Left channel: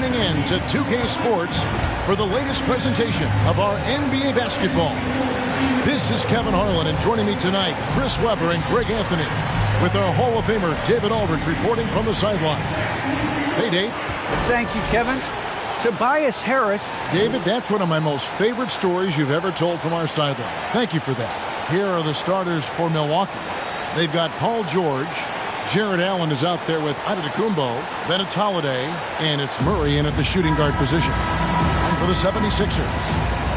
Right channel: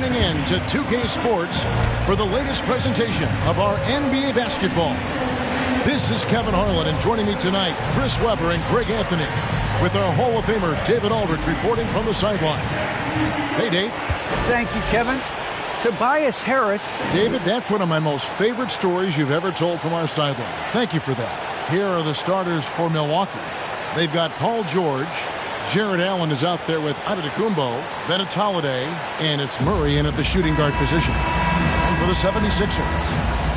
tuning in to 2K Sports for the latest presentation of our NBA basketball. This is Kevin Harlan, and joining me tonight, Chris Webber and Greg Anthony, with our Hall of Famer David Aldridge reporting from the sideline. Hey, Dave. Thank you, Kevin. Tobias Harris. David, that's one of my most favorite stories you've ever told from our sideline. Thank you for that. Here are the starters for Milwaukee. They've got Paul George. Jared Allen is out there with Antetokounmpo. Then it's Holiday, and it's Murray in at the shooting guard position. And for the 76ers,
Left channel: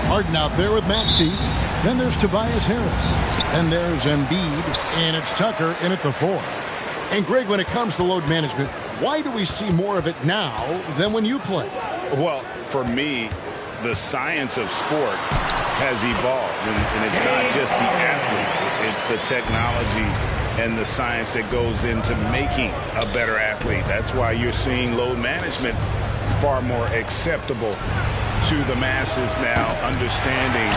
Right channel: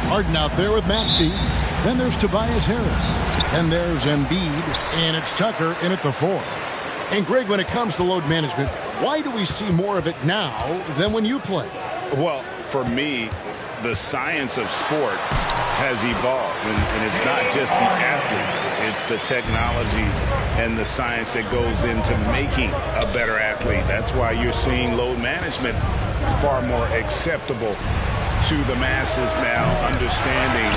Harden out there with Maxey. Then there's Tobias Harris. Then there's Embiid, and it's Tucker in at the 4. And Greg, when it comes to load management, why do we see more of it now than when you played? Well, for me, the science of sport has evolved, and it's not just the athlete. It's the technology and the science that goes into making a better athlete. That's why you're seeing load management far more acceptable to the masses now, understanding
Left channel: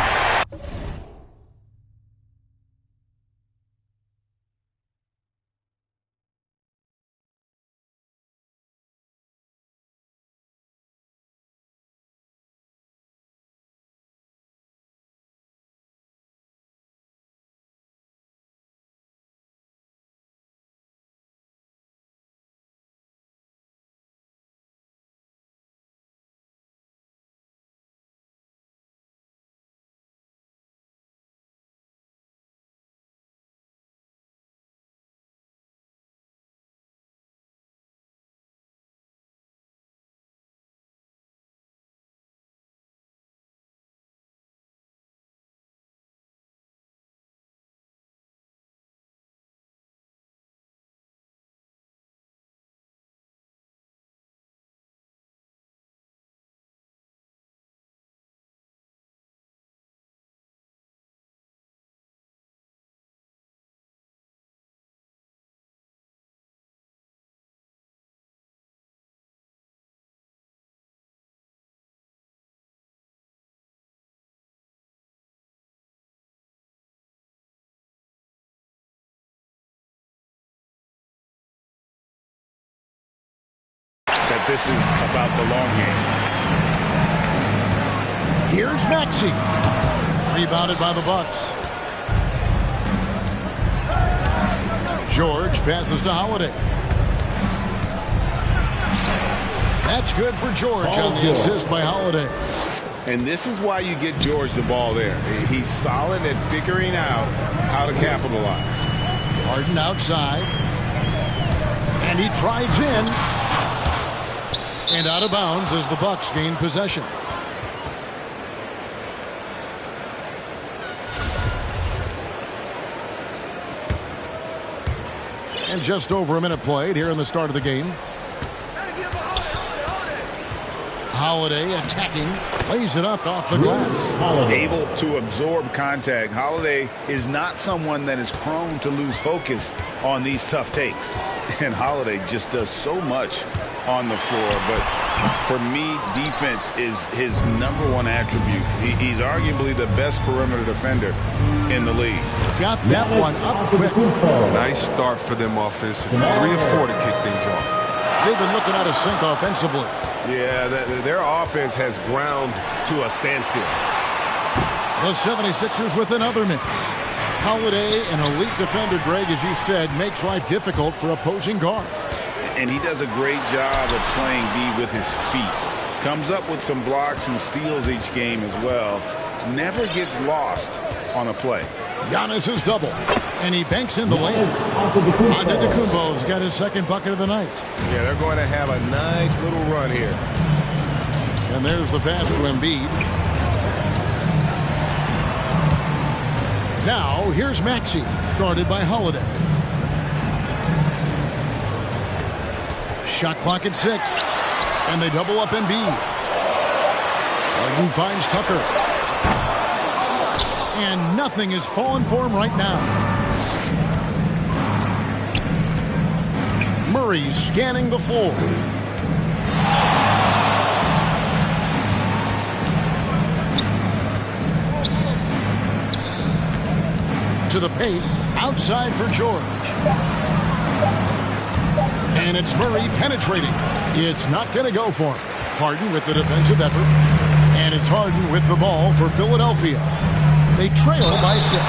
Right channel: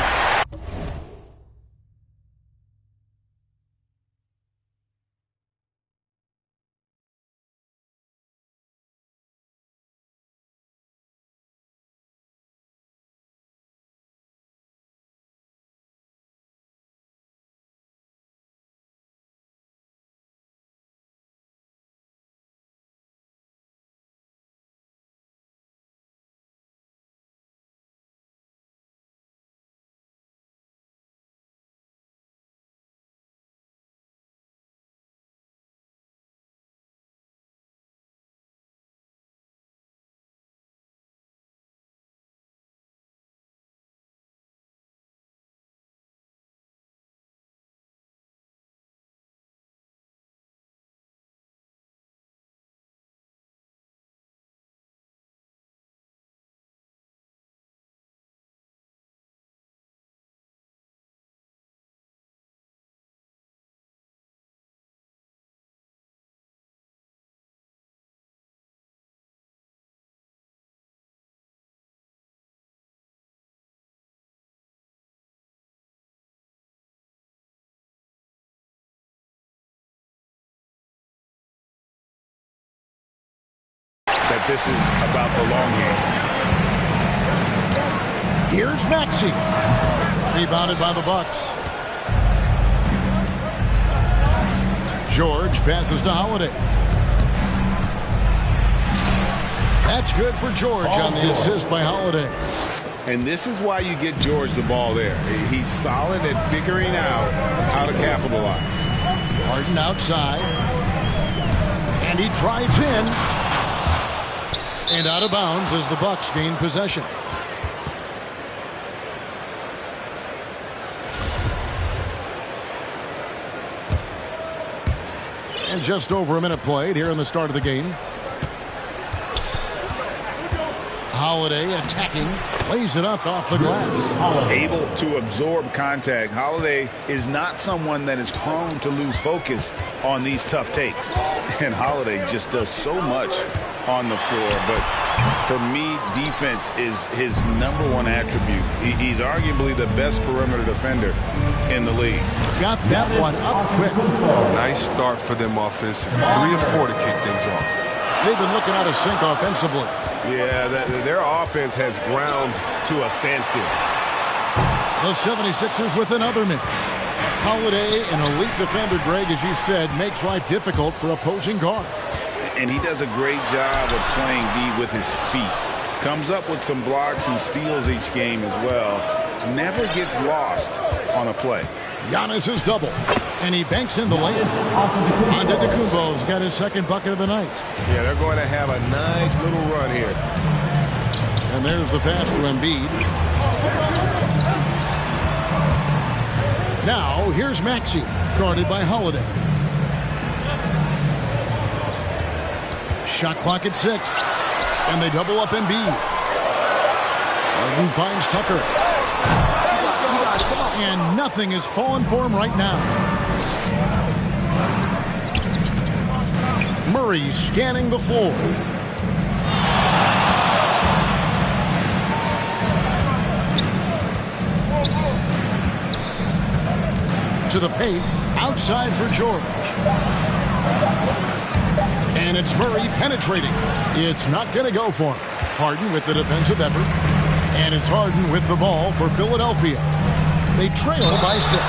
that this is about the long game. Here's Maxey. Rebounded by the Bucks. George passes to Holiday. That's good for George on the assist by Holiday. And this is why you get George the ball there. He's solid at figuring out how to capitalize. Harden outside. And he drives in. And out of bounds as the Bucks gain possession. And just over a minute played here in the start of the game. Holiday attacking, lays it up off the glass. Able to absorb contact. Holiday is not someone that is prone to lose focus on these tough takes. And Holiday just does so much on the floor. But for me, defense is his number one attribute. He's arguably the best perimeter defender in the league. Got that one up quick. Nice start for them offensively. 3 or 4 to kick things off. They've been looking out of sync offensively. Yeah, their offense has ground to a standstill. The 76ers with another miss. Holiday, an elite defender, Greg, as you said, makes life difficult for opposing guards. And he does a great job of playing D with his feet. Comes up with some blocks and steals each game as well. Never gets lost on a play. Giannis is double, and he banks in the layup. Antetokounmpo's got his second bucket of the night. Yeah, they're going to have a nice little run here. And there's the pass to Embiid. Now, here's Maxey, guarded by Holiday. Shot clock at 6, and they double up Embiid. Harden finds Tucker. And nothing is falling for him right now. Murray scanning the floor. To the paint, outside for George. And it's Murray penetrating. It's not going to go for him. Harden with the defensive effort. And it's Harden with the ball for Philadelphia. They trail by 6.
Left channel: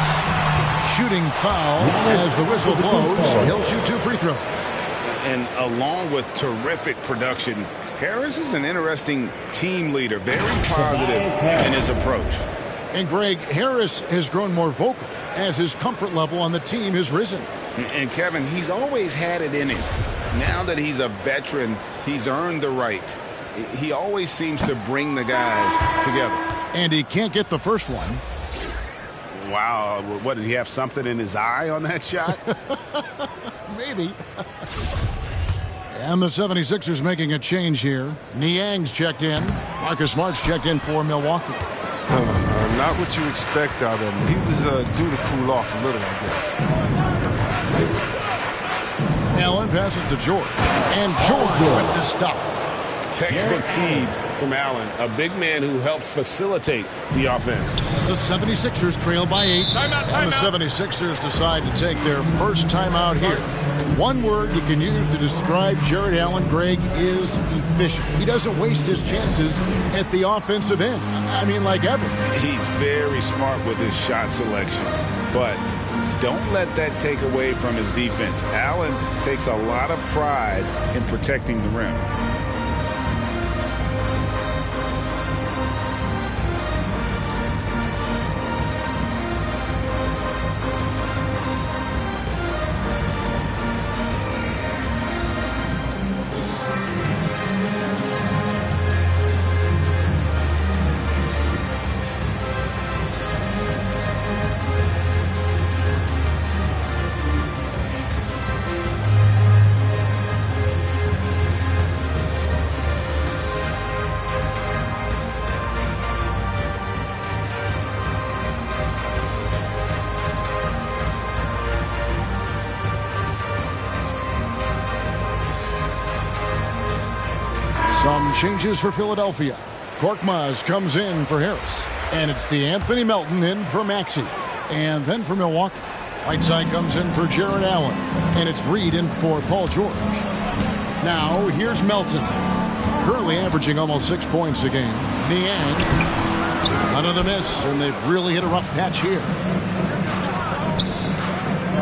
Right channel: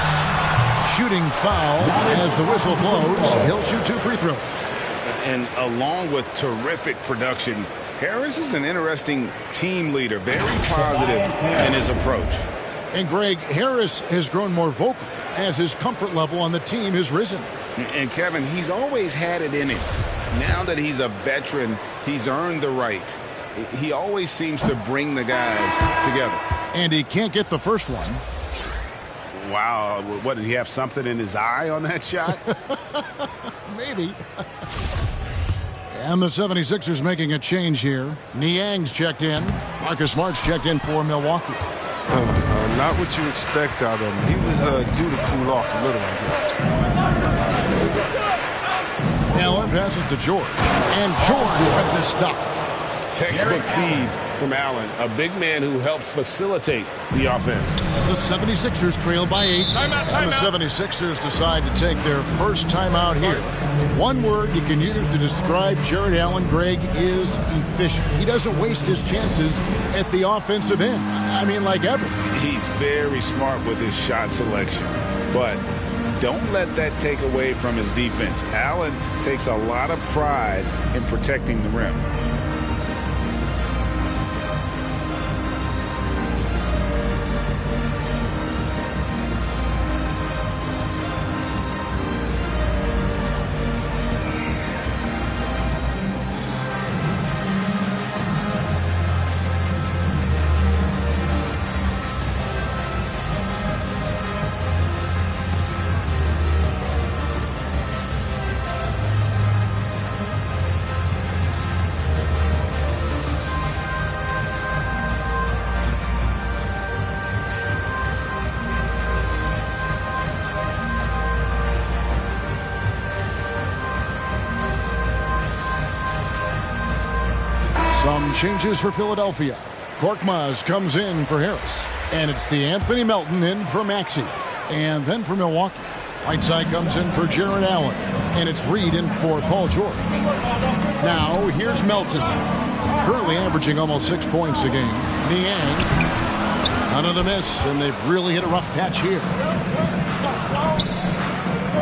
Shooting foul as the whistle blows. He'll shoot 2 free throws. And along with terrific production, Harris is an interesting team leader. Very positive in his approach. And Greg, Harris has grown more vocal as his comfort level on the team has risen. And Kevin, he's always had it in him. Now that he's a veteran, he's earned the right. He always seems to bring the guys together. And he can't get the first one. Wow, what, did he have something in his eye on that shot? Maybe. And the 76ers making a change here. Niang's checked in. Marcus Smart's checked in for Milwaukee. Not what you expect out of him. He was due to cool off a little, I guess. Allen passes to George. And George with the stuff. Textbook feed from Allen, a big man who helps facilitate the offense. The 76ers trail by 8. Timeout. And the 76ers decide to take their first timeout here. One word you can use to describe Jared Allen, Greg, is efficient. He doesn't waste his chances at the offensive end. I mean, like ever. He's very smart with his shot selection, but don't let that take away from his defense. Allen takes a lot of pride in protecting the rim. Some changes for Philadelphia. Korkmaz comes in for Harris. And it's DeAnthony Melton in for Maxey. And then for Milwaukee, Whiteside comes in for Jared Allen. And it's Reed in for Paul George. Now, here's Melton. Currently averaging almost 6 points a game. Niang. None of the miss, and they've really hit a rough patch here.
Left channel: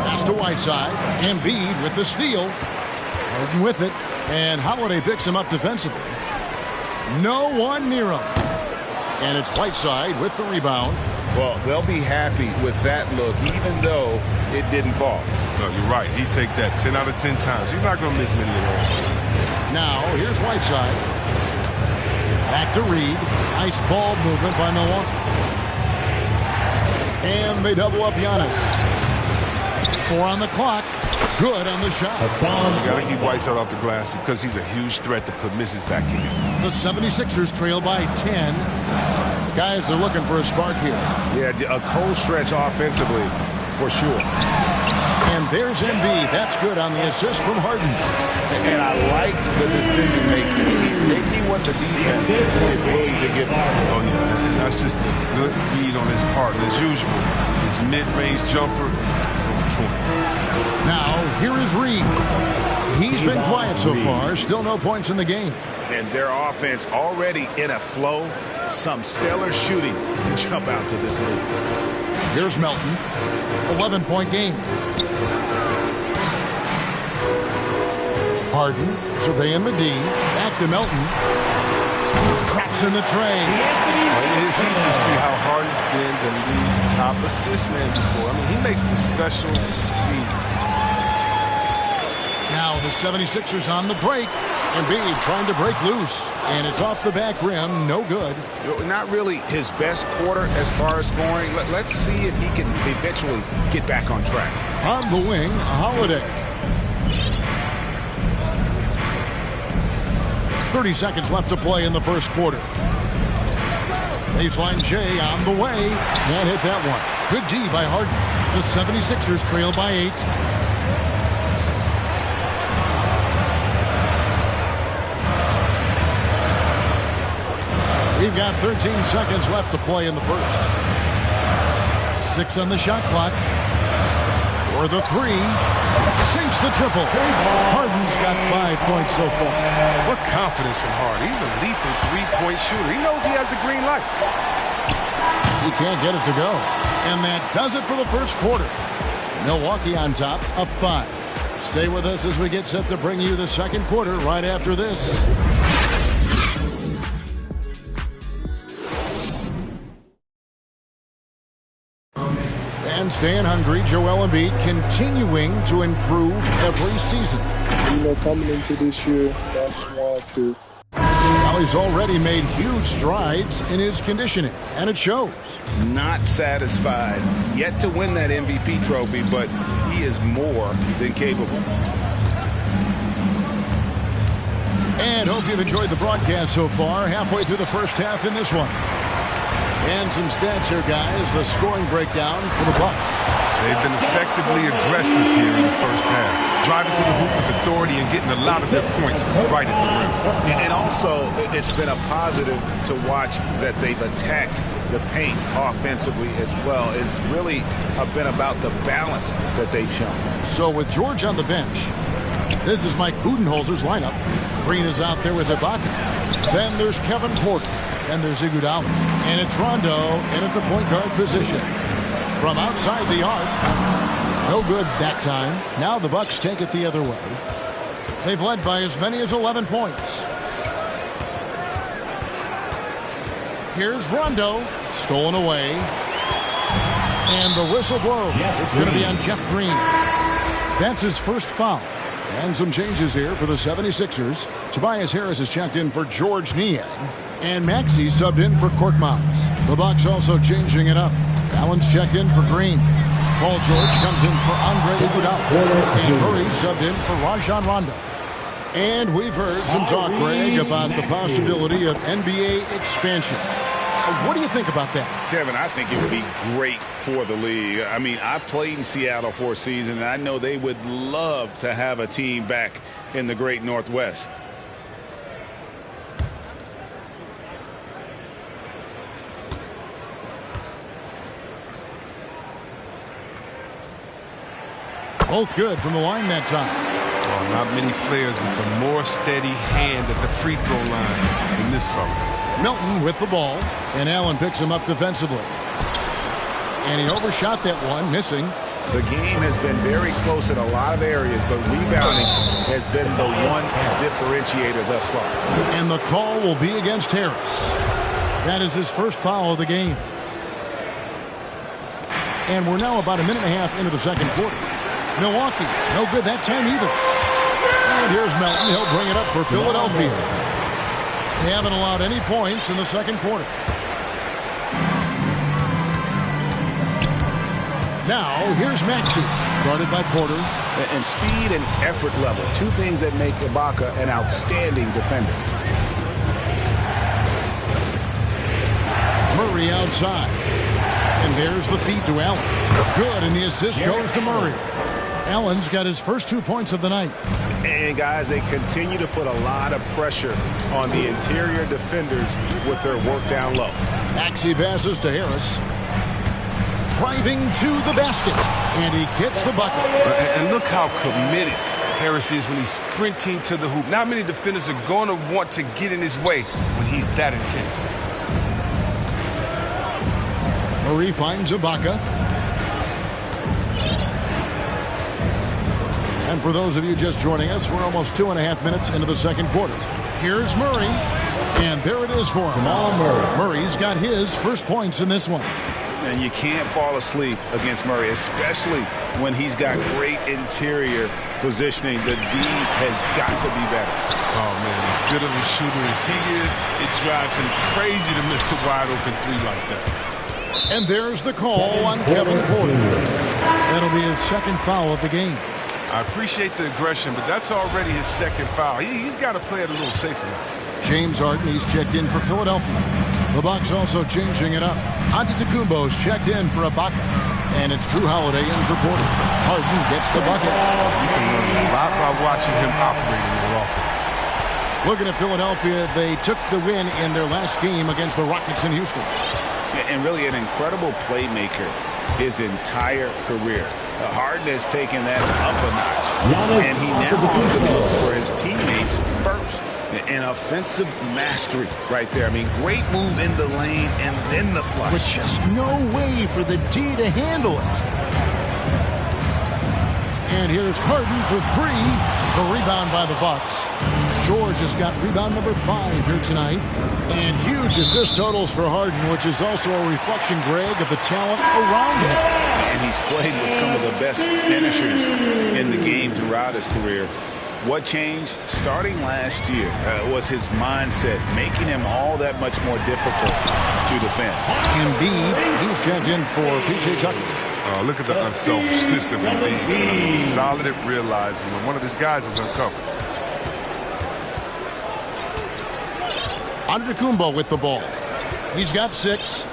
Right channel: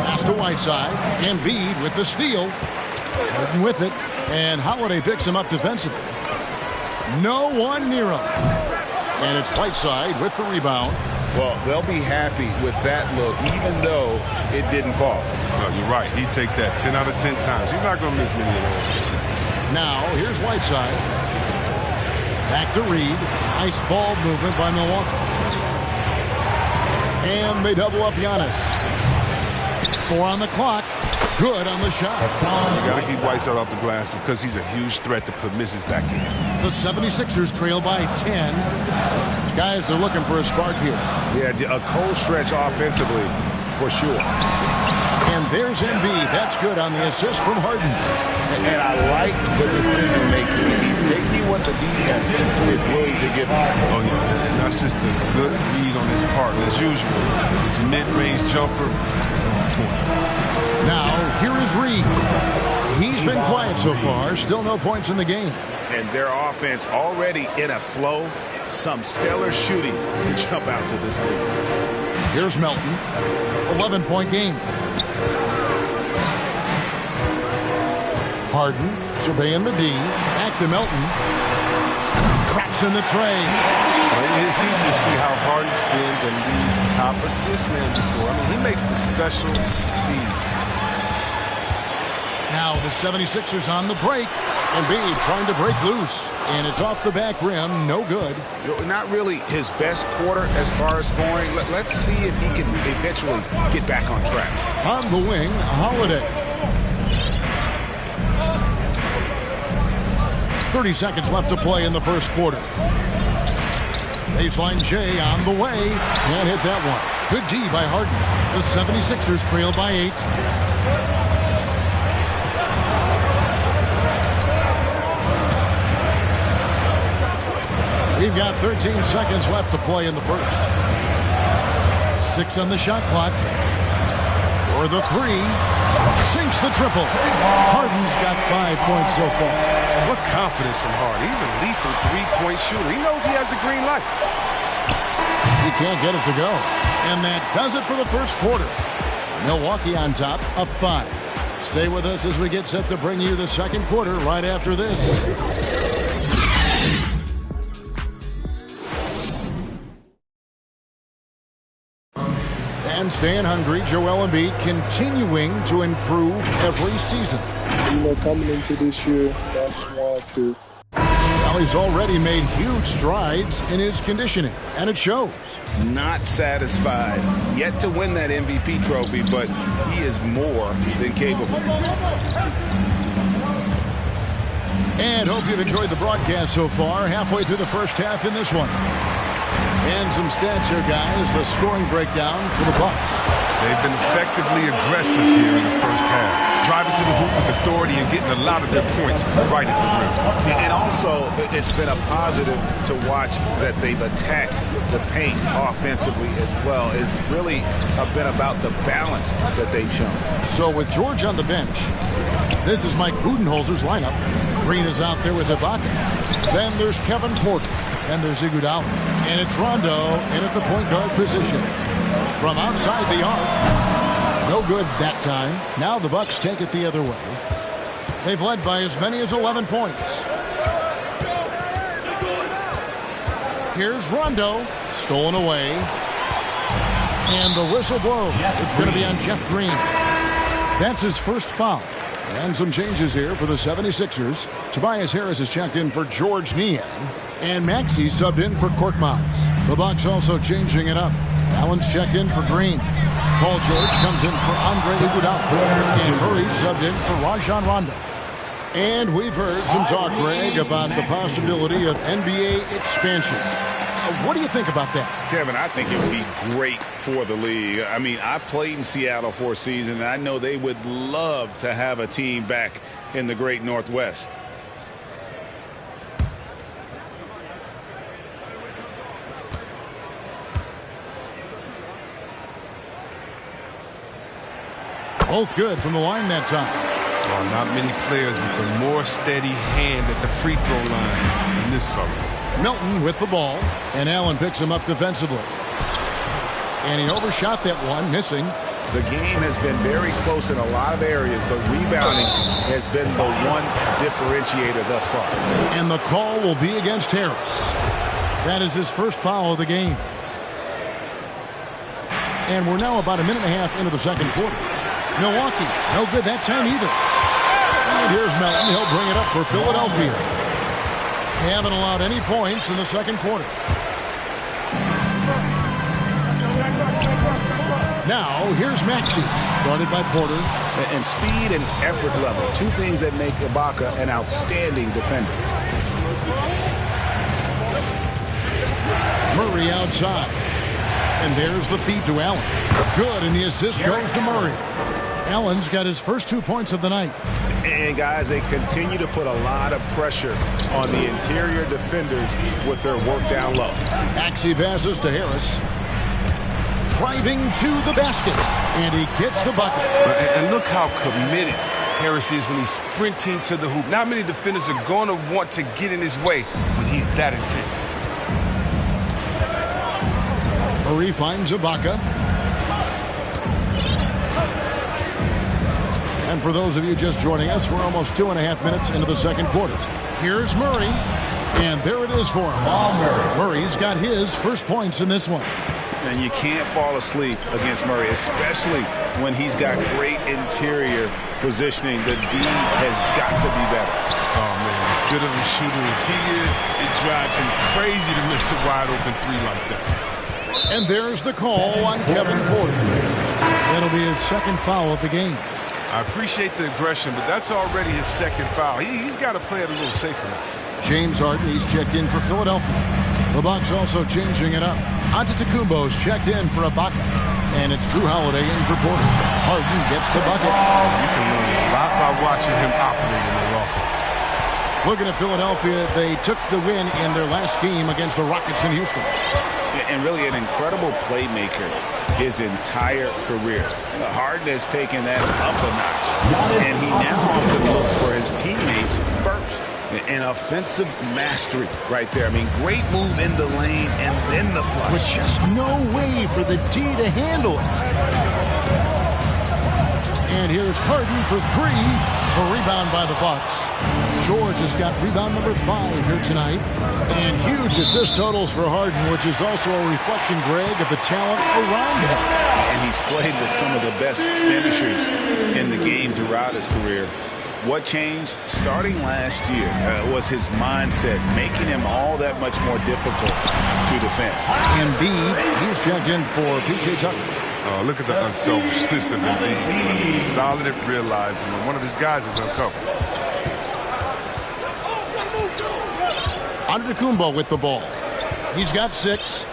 Pass to Whiteside. Embiid with the steal. Harden with it. And Holiday picks him up defensively. No one near him. And it's Whiteside with the rebound. Well, they'll be happy with that look, even though it didn't fall. No, you're right. He'd take that 10 out of 10 times. He's not going to miss many of those. Now, here's Whiteside. Back to Reed. Nice ball movement by Milwaukee. And they double up Giannis. 4 on the clock. Good on the shot. You got to keep Whiteside off the glass because he's a huge threat to put misses back in. The 76ers trail by 10. Guys, they're looking for a spark here. Yeah, a cold stretch offensively, for sure. And there's Embiid. That's good on the assist from Harden. And I like the decision making. He's taking what the defense is willing to give him. Oh, yeah, and that's just a good read on his part. And as usual, his mid-range jumper is on point. Now, here is Reed. He's been quiet so far. Still no points in the game. And their offense already in a flow. Some stellar shooting to jump out to this lead. Here's Melton. 11-point game. Harden surveying the D. Back to Melton. Traps in the tray. It's easy to see how Harden's been the league's top assist man before. I mean, he makes the special feeds. Now the 76ers on the break. Embiid trying to break loose. And it's off the back rim. No good. Not really his best quarter as far as scoring. Let's see if he can eventually get back on track. On the wing, Holiday. 30 seconds left to play in the first quarter. Baseline J on the way. Can't hit that one. Good D by Harden. The 76ers trail by 8. We've got 13 seconds left to play in the first. 6 on the shot clock. For the 3. Sinks the triple. Harden's got 5 points so far. What confidence from Harden. He's a lethal three-point shooter. He knows he has the green light. He can't get it to go. And that does it for the first quarter. Milwaukee on top, up 5. Stay with us as we get set to bring you the second quarter right after this. And staying hungry, Joel Embiid continuing to improve every season. You know, coming into this year, I just wanted to. Well, he's already made huge strides in his conditioning, and it shows. Not satisfied yet to win that MVP trophy, but he is more than capable. And hope you've enjoyed the broadcast so far. Halfway through the first half in this one. And some stats here, guys. The scoring breakdown for the Bucks. They've been effectively aggressive here in the first half, driving to the hoop with authority and getting a lot of their points right at the rim. And also, it's been a positive to watch that they've attacked the paint offensively as well. It's really been about the balance that they've shown. So with George on the bench, this is Mike Budenholzer's lineup. Green is out there with Ibaka. Then there's Kevin Porter. Then there's Iguodala. And it's Rondo in at the point guard position. From outside the arc. No good that time. Now the Bucks take it the other way. They've led by as many as 11 points. Here's Rondo. Stolen away. And the whistle blows. It's going to be on Jeff Green. That's his first foul. And some changes here for the 76ers. Tobias Harris is checked in for George Niang. And Maxey subbed in for Korkmaz. The Bucks also changing it up. Allen's checked in for Green. Paul George comes in for Andre Iguodala. And Murray subbed in for Rajon Rondo. And we've heard some talk, Greg, about the possibility of NBA expansion. What do you think about that? Kevin, I think it would be great for the league. I mean, I played in Seattle for a season, and I know they would love to have a team back in the great Northwest. Both good from the line that time. Oh, not many players with a more steady hand at the free throw line than this fella. Milton with the ball, and Allen picks him up defensively. And he overshot that one, missing. The game has been very close in a lot of areas, but rebounding has been the one differentiator thus far. And the call will be against Harris. That is his first foul of the game. And we're now about a minute and a half into the second quarter. Milwaukee, no good that time either. And here's Melton. He'll bring it up for Philadelphia. They haven't allowed any points in the second quarter. Now, here's Maxey, guarded by Porter. And speed and effort level, two things that make Ibaka an outstanding defender. Murray outside. And there's the feed to Allen. Good, and the assist goes to Murray. Allen's got his first 2 points of the night. And, guys, they continue to put a lot of pressure on the interior defenders with their work down low. Maxey passes to Harris. Driving to the basket. And he gets the bucket. And look how committed Harris is when he's sprinting to the hoop. Not many defenders are going to want to get in his way when he's that intense. Murray finds Ibaka. And for those of you just joining us, we're almost 2.5 minutes into the second quarter. Here's Murray. And there it is for him. Murray's got his first points in this one. And you can't fall asleep against Murray, especially when he's got great interior positioning. The D has got to be better. Oh, man, as good of a shooter as he is, it drives him crazy to miss a wide-open three like that. And there's the call on Kevin Porter. That'll be his second foul of the game. I appreciate the aggression, but that's already his second foul. He's got to play it a little safer now. James Harden, he's checked in for Philadelphia. The Bucks also changing it up. Antetokounmpo's checked in for Ibaka. And it's Drew Holiday in for Porter. Harden gets the bucket. You can learn a lot by watching him operate in their offense. Looking at Philadelphia, they took the win in their last game against the Rockets in Houston. And really an incredible playmaker his entire career. Harden has taken that up a notch. And he now often looks for his teammates first. An offensive mastery right there. I mean, great move in the lane and then the flush. With just no way for the D to handle it. And here's Harden for three. The rebound by the Bucks. George has got rebound number 5 here tonight. And huge assist totals for Harden, which is also a reflection, Greg, of the talent around him. And he's played with some of the best finishers in the game throughout his career. What changed starting last year was his mindset, making him all that much more difficult to defend. Embiid, he's checked in for P.J. Tucker. Look at the unselfishness of Embiid. I mean, he's solid at realizing when one of his guys is uncovered. Antetokounmpo with the ball. He's got 6.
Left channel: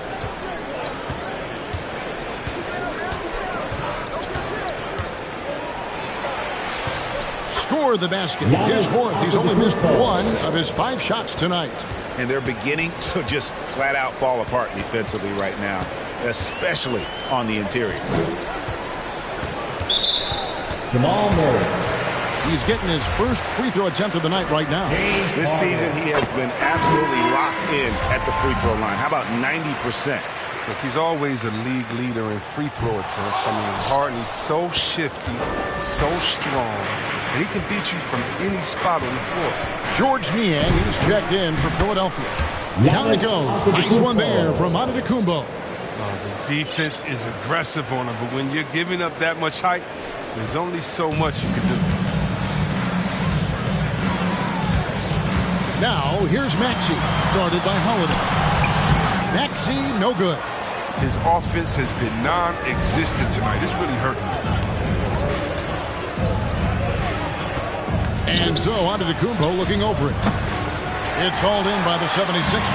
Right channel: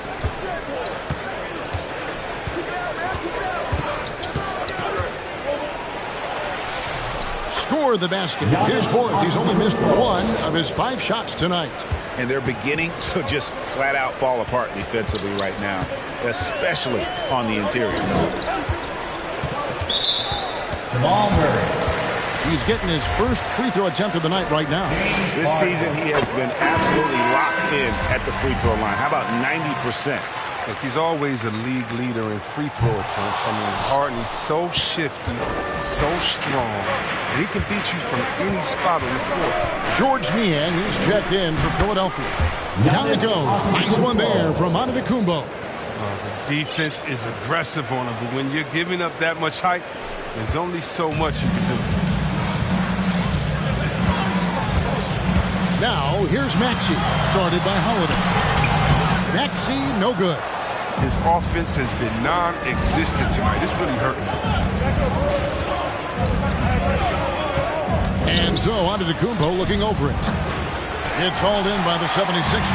Score the basket. His 4th. He's only missed 1 of his 5 shots tonight. And they're beginning to just flat out fall apart defensively right now, especially on the interior. Jamal Murray. He's getting his first free throw attempt of the night right now. This season, he has been absolutely locked in at the free throw line. How about 90%? Look, he's always a league leader in free throw attempts. I mean, Harden, he's so shifty, so strong, and he can beat you from any spot on the floor. George Niang, he's checked in for Philadelphia. Down it goes. Nice one there from Antetokounmpo. The defense is aggressive on him, but when you're giving up that much height, there's only so much you can do. Now, here's Maxey, guarded by Holiday. Maxey, no good. His offense has been non-existent tonight. It's really hurting him. And so, Antetokounmpo looking over it. It's hauled in by the 76ers.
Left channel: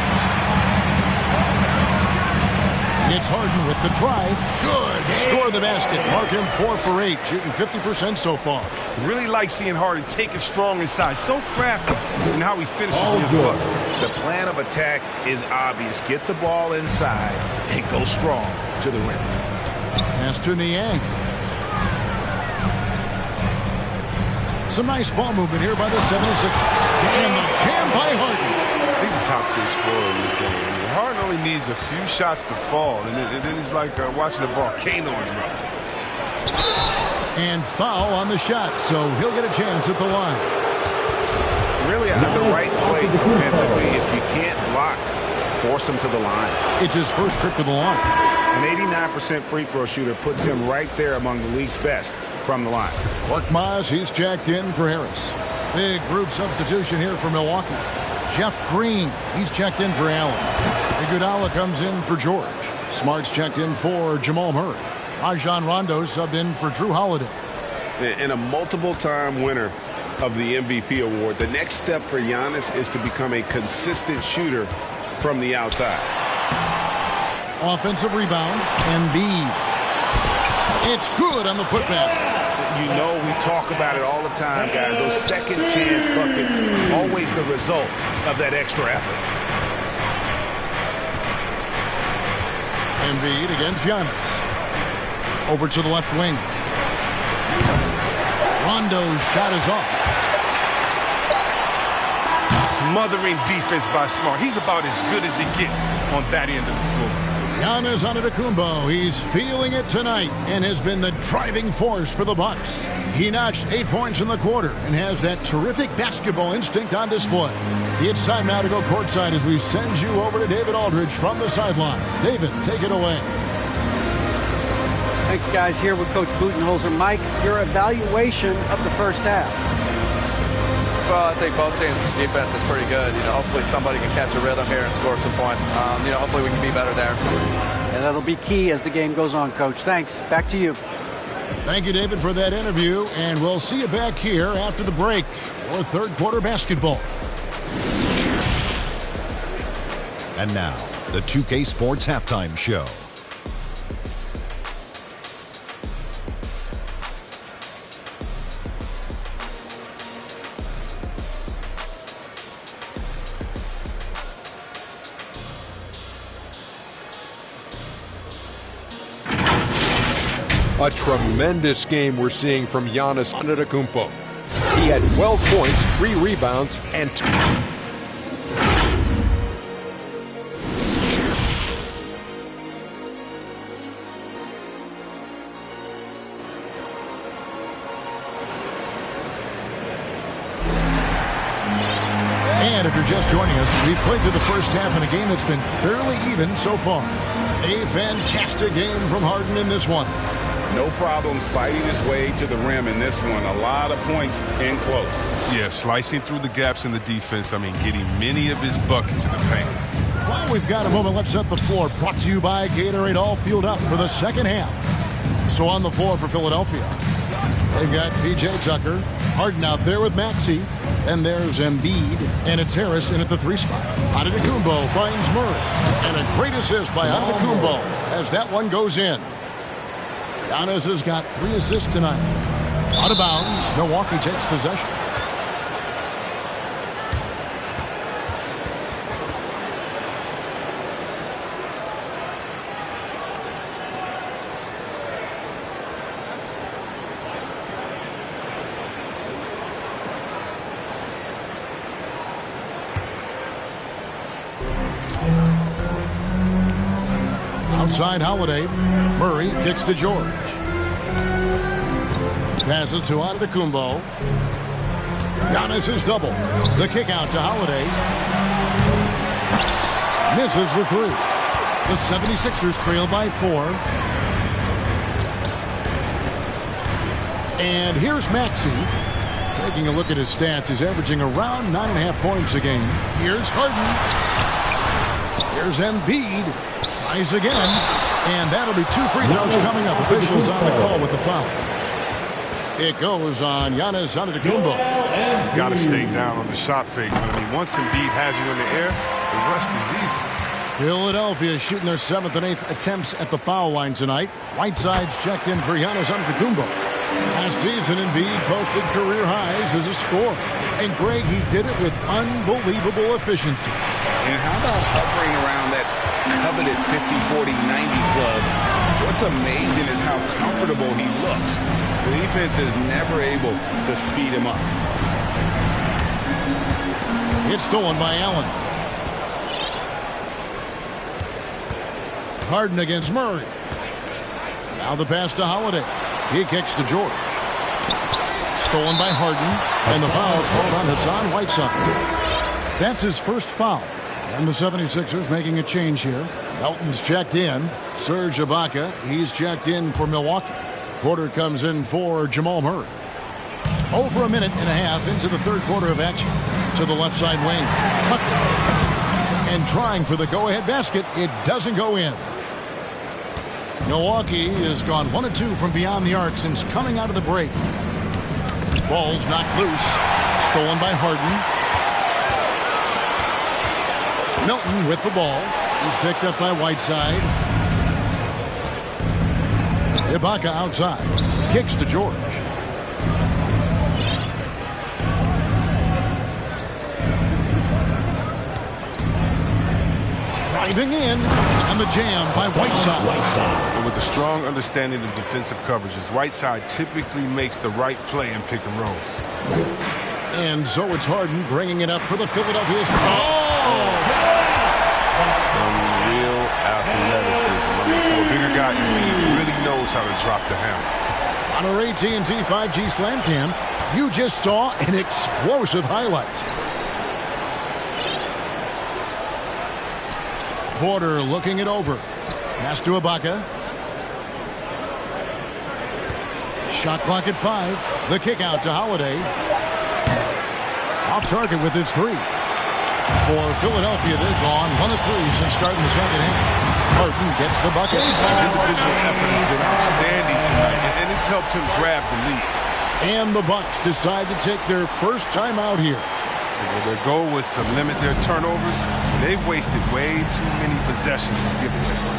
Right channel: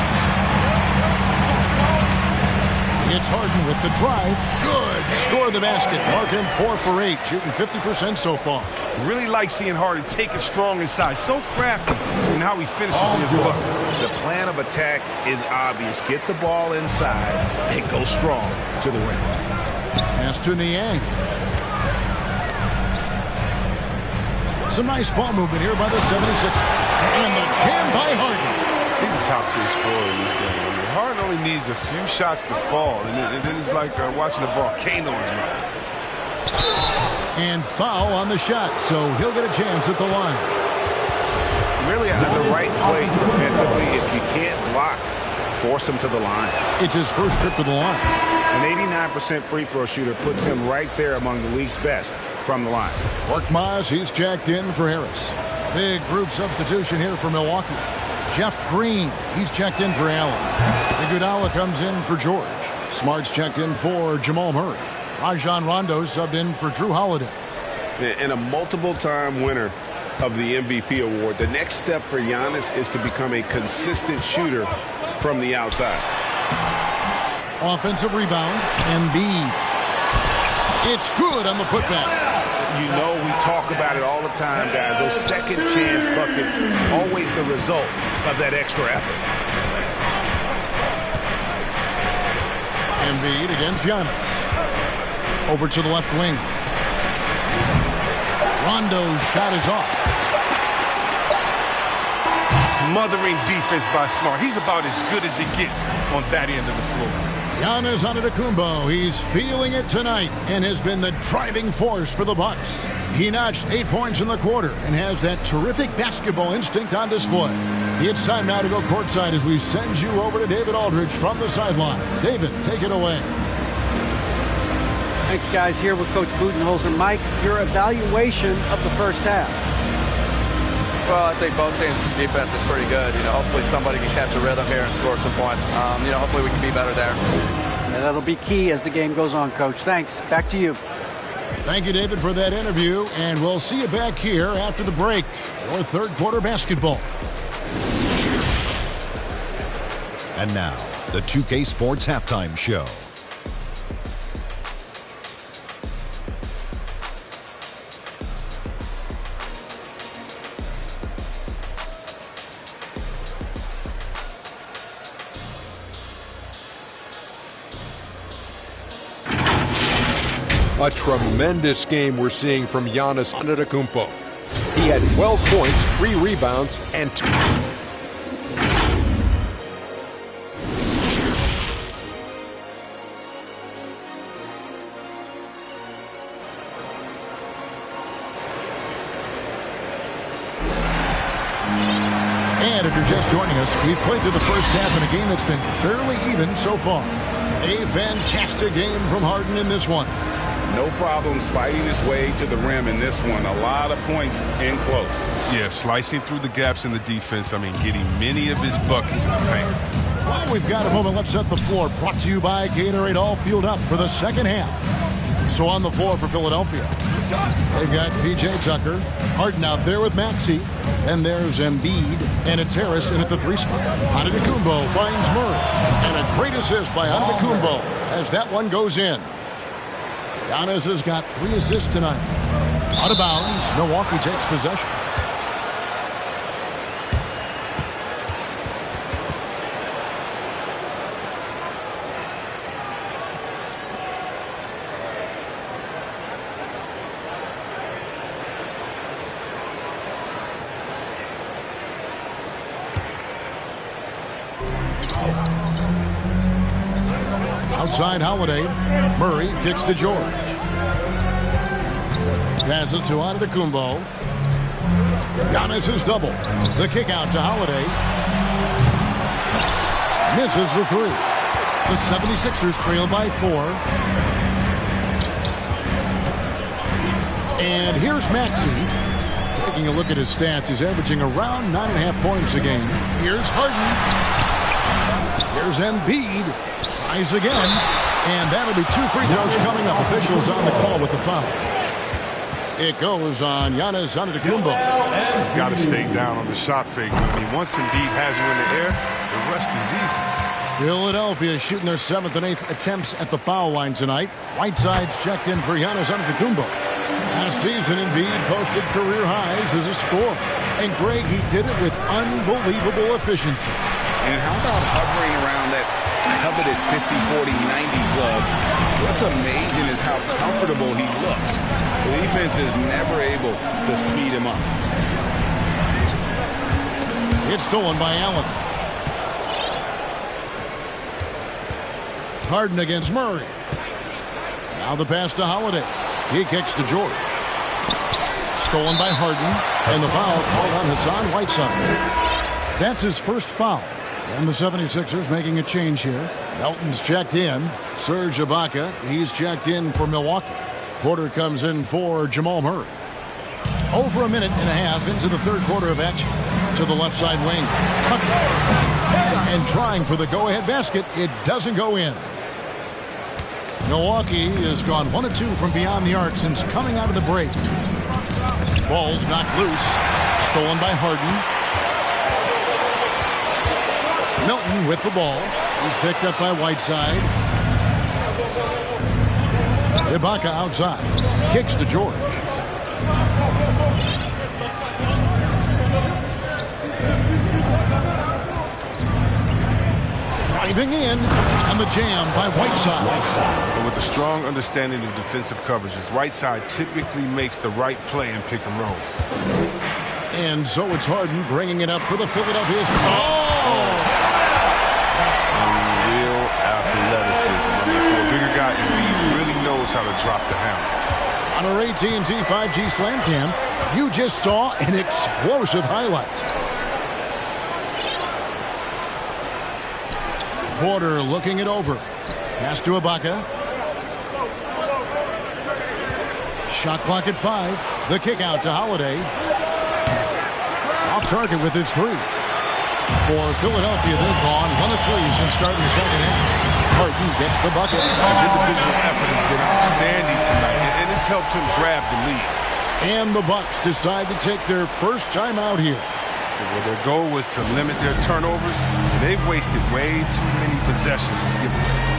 It's Harden with the drive. Good. Score the basket. Mark him 4 for 8, shooting 50% so far. Really like seeing Harden take it strong inside. So crafty in how he finishes in his bucket. The plan of attack is obvious. Get the ball inside and go strong to the rim. Pass to Niang. Some nice ball movement here by the 76ers. And the jam by Harden. He's a top-tier scorer in this game. I mean, Harden only needs a few shots to fall, and then it's like watching a volcano erupt. And foul on the shot, so he'll get a chance at the line. Really, at the right play defensively, if you can't block, force him to the line. It's his first trip to the line. An 89% free throw shooter puts him right there among the league's best from the line. Korkmaz, he's checked in for Harris. Big group substitution here for Milwaukee. Jeff Green, he's checked in for Allen. Iguodala comes in for George. Smart's checked in for Jamal Murray. Rajon Rondo subbed in for Drew Holiday. And a multiple-time winner of the MVP award, the next step for Giannis is to become a consistent shooter from the outside. Offensive rebound, Embiid. It's good on the putback. You know, we talk about it all the time, guys. Those second chance buckets, always the result of that extra effort. Embiid against Giannis. Over to the left wing. Rondo's shot is off. Smothering defense by Smart. He's about as good as he gets on that end of the floor. Giannis Antetokounmpo, he's feeling it tonight and has been the driving force for the Bucks. He notched 8 points in the quarter and has that terrific basketball instinct on display. It's time now to go courtside as we send you over to David Aldridge from the sideline. David, take it away. Thanks, guys. Here with Coach Budenholzer. Mike, your evaluation of the first half. Well, I think both teams' defense is pretty good. You know, hopefully somebody can catch a rhythm here and score some points. You know, hopefully we can be better there. And that'll be key as the game goes on, Coach. Thanks. Back to you. Thank you, David, for that interview, and we'll see you back here after the break for third quarter basketball. And now, the 2K Sports Halftime Show. A tremendous game we're seeing from Giannis Antetokounmpo. He had 12 points, 3 rebounds, and 2. And if you're just joining us, we've played through the first half in a game that's been fairly even so far. A fantastic game from Harden in this one. No problems fighting his way to the rim in this one. A lot of points in close. Yeah, slicing through the gaps in the defense. Getting many of his buckets in the paint. Well, we've got a moment. Let's set the floor. Brought to you by Gatorade, all fueled up for the second half. So on the floor for Philadelphia, they've got P.J. Tucker, Harden out there with Maxey. Then there's Embiid, and it's Harris in at the 3 spot. Antetokounmpo finds Murray. And a great assist by Antetokounmpo as that one goes in. Giannis has got 3 assists tonight. Out of bounds, Milwaukee takes possession. Outside Holiday. Murray kicks to George. Passes to Antetokounmpo. Giannis is double. The kick out to Holiday. Misses the 3. The 76ers trail by 4. And here's Maxey. Taking a look at his stats, he's averaging around 9.5 points a game. Here's Harden. Here's Embiid. Tries again. And that'll be 2 free throws coming up. Officials on the call with the foul. It goes on Giannis Antetokounmpo. You got to stay down on the shot fake. Once Embiid has you in the air, the rest is easy. Philadelphia shooting their 7th and 8th attempts at the foul line tonight. Whiteside's checked in for Giannis Antetokounmpo. Last season, Embiid posted career highs as a scorer. And Greg, he did it with unbelievable efficiency. And how about hovering around that coveted 50-40-90 club? What's amazing is how comfortable he looks. The defense is never able to speed him up. It's stolen by Allen. Harden against Murray. Now the pass to Holiday. He kicks to George. Stolen by Harden. And the foul called on Hassan Whiteside. That's his first foul. And the 76ers making a change here. Melton's checked in. Serge Ibaka, he's checked in for Milwaukee. Porter comes in for Jamal Murray. Over a minute and a half into the third quarter of action. To the left side wing. Tucker. And trying for the go-ahead basket. It doesn't go in. Milwaukee has gone 1 of 2 from beyond the arc since coming out of the break. Ball's knocked loose. Stolen by Harden. Melton with the ball. He's picked up by Whiteside. Ibaka outside. Kicks to George. Driving in. And the jam by Whiteside. But with a strong understanding of defensive coverages, Whiteside typically makes the right play in pick and rolls. And so it's Harden bringing it up for the Philadelphia's. Real athleticism. For a bigger guy, he really knows how to drop the hammer. On our AT&T 5G Slam Cam, you just saw an explosive highlight. Porter looking it over. Pass to Ibaka. Shot clock at 5. The kick out to Holiday. Off target with his 3. For Philadelphia, they've gone 1 of 3 since starting the second half. Harden gets the bucket. His individual effort has been outstanding tonight, and it's helped him grab the lead. And the Bucks decide to take their first time out here. Well, their goal was to limit their turnovers, and they've wasted way too many possessions with giveaways.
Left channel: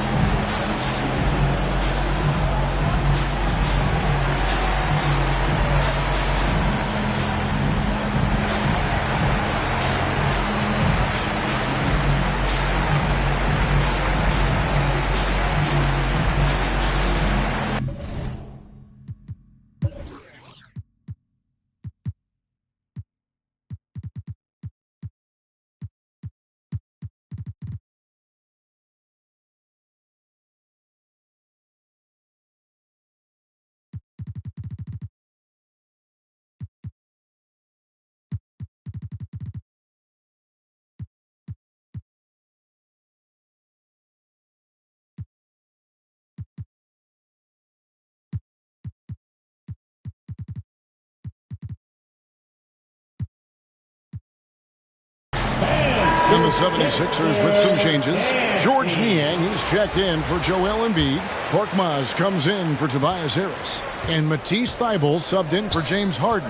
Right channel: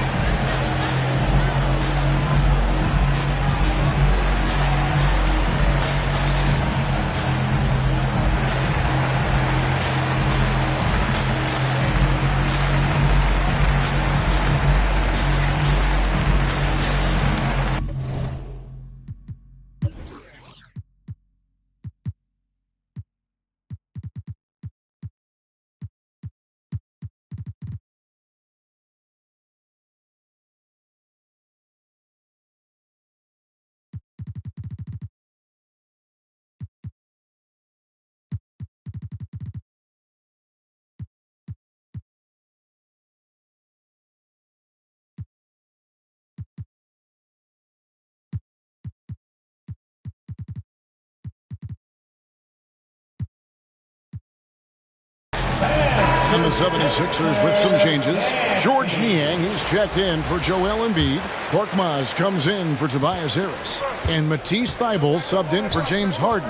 And the 76ers with some changes. George Niang, he's checked in for Joel Embiid. Korkmaz comes in for Tobias Harris. And Matisse Thybulle subbed in for James Harden.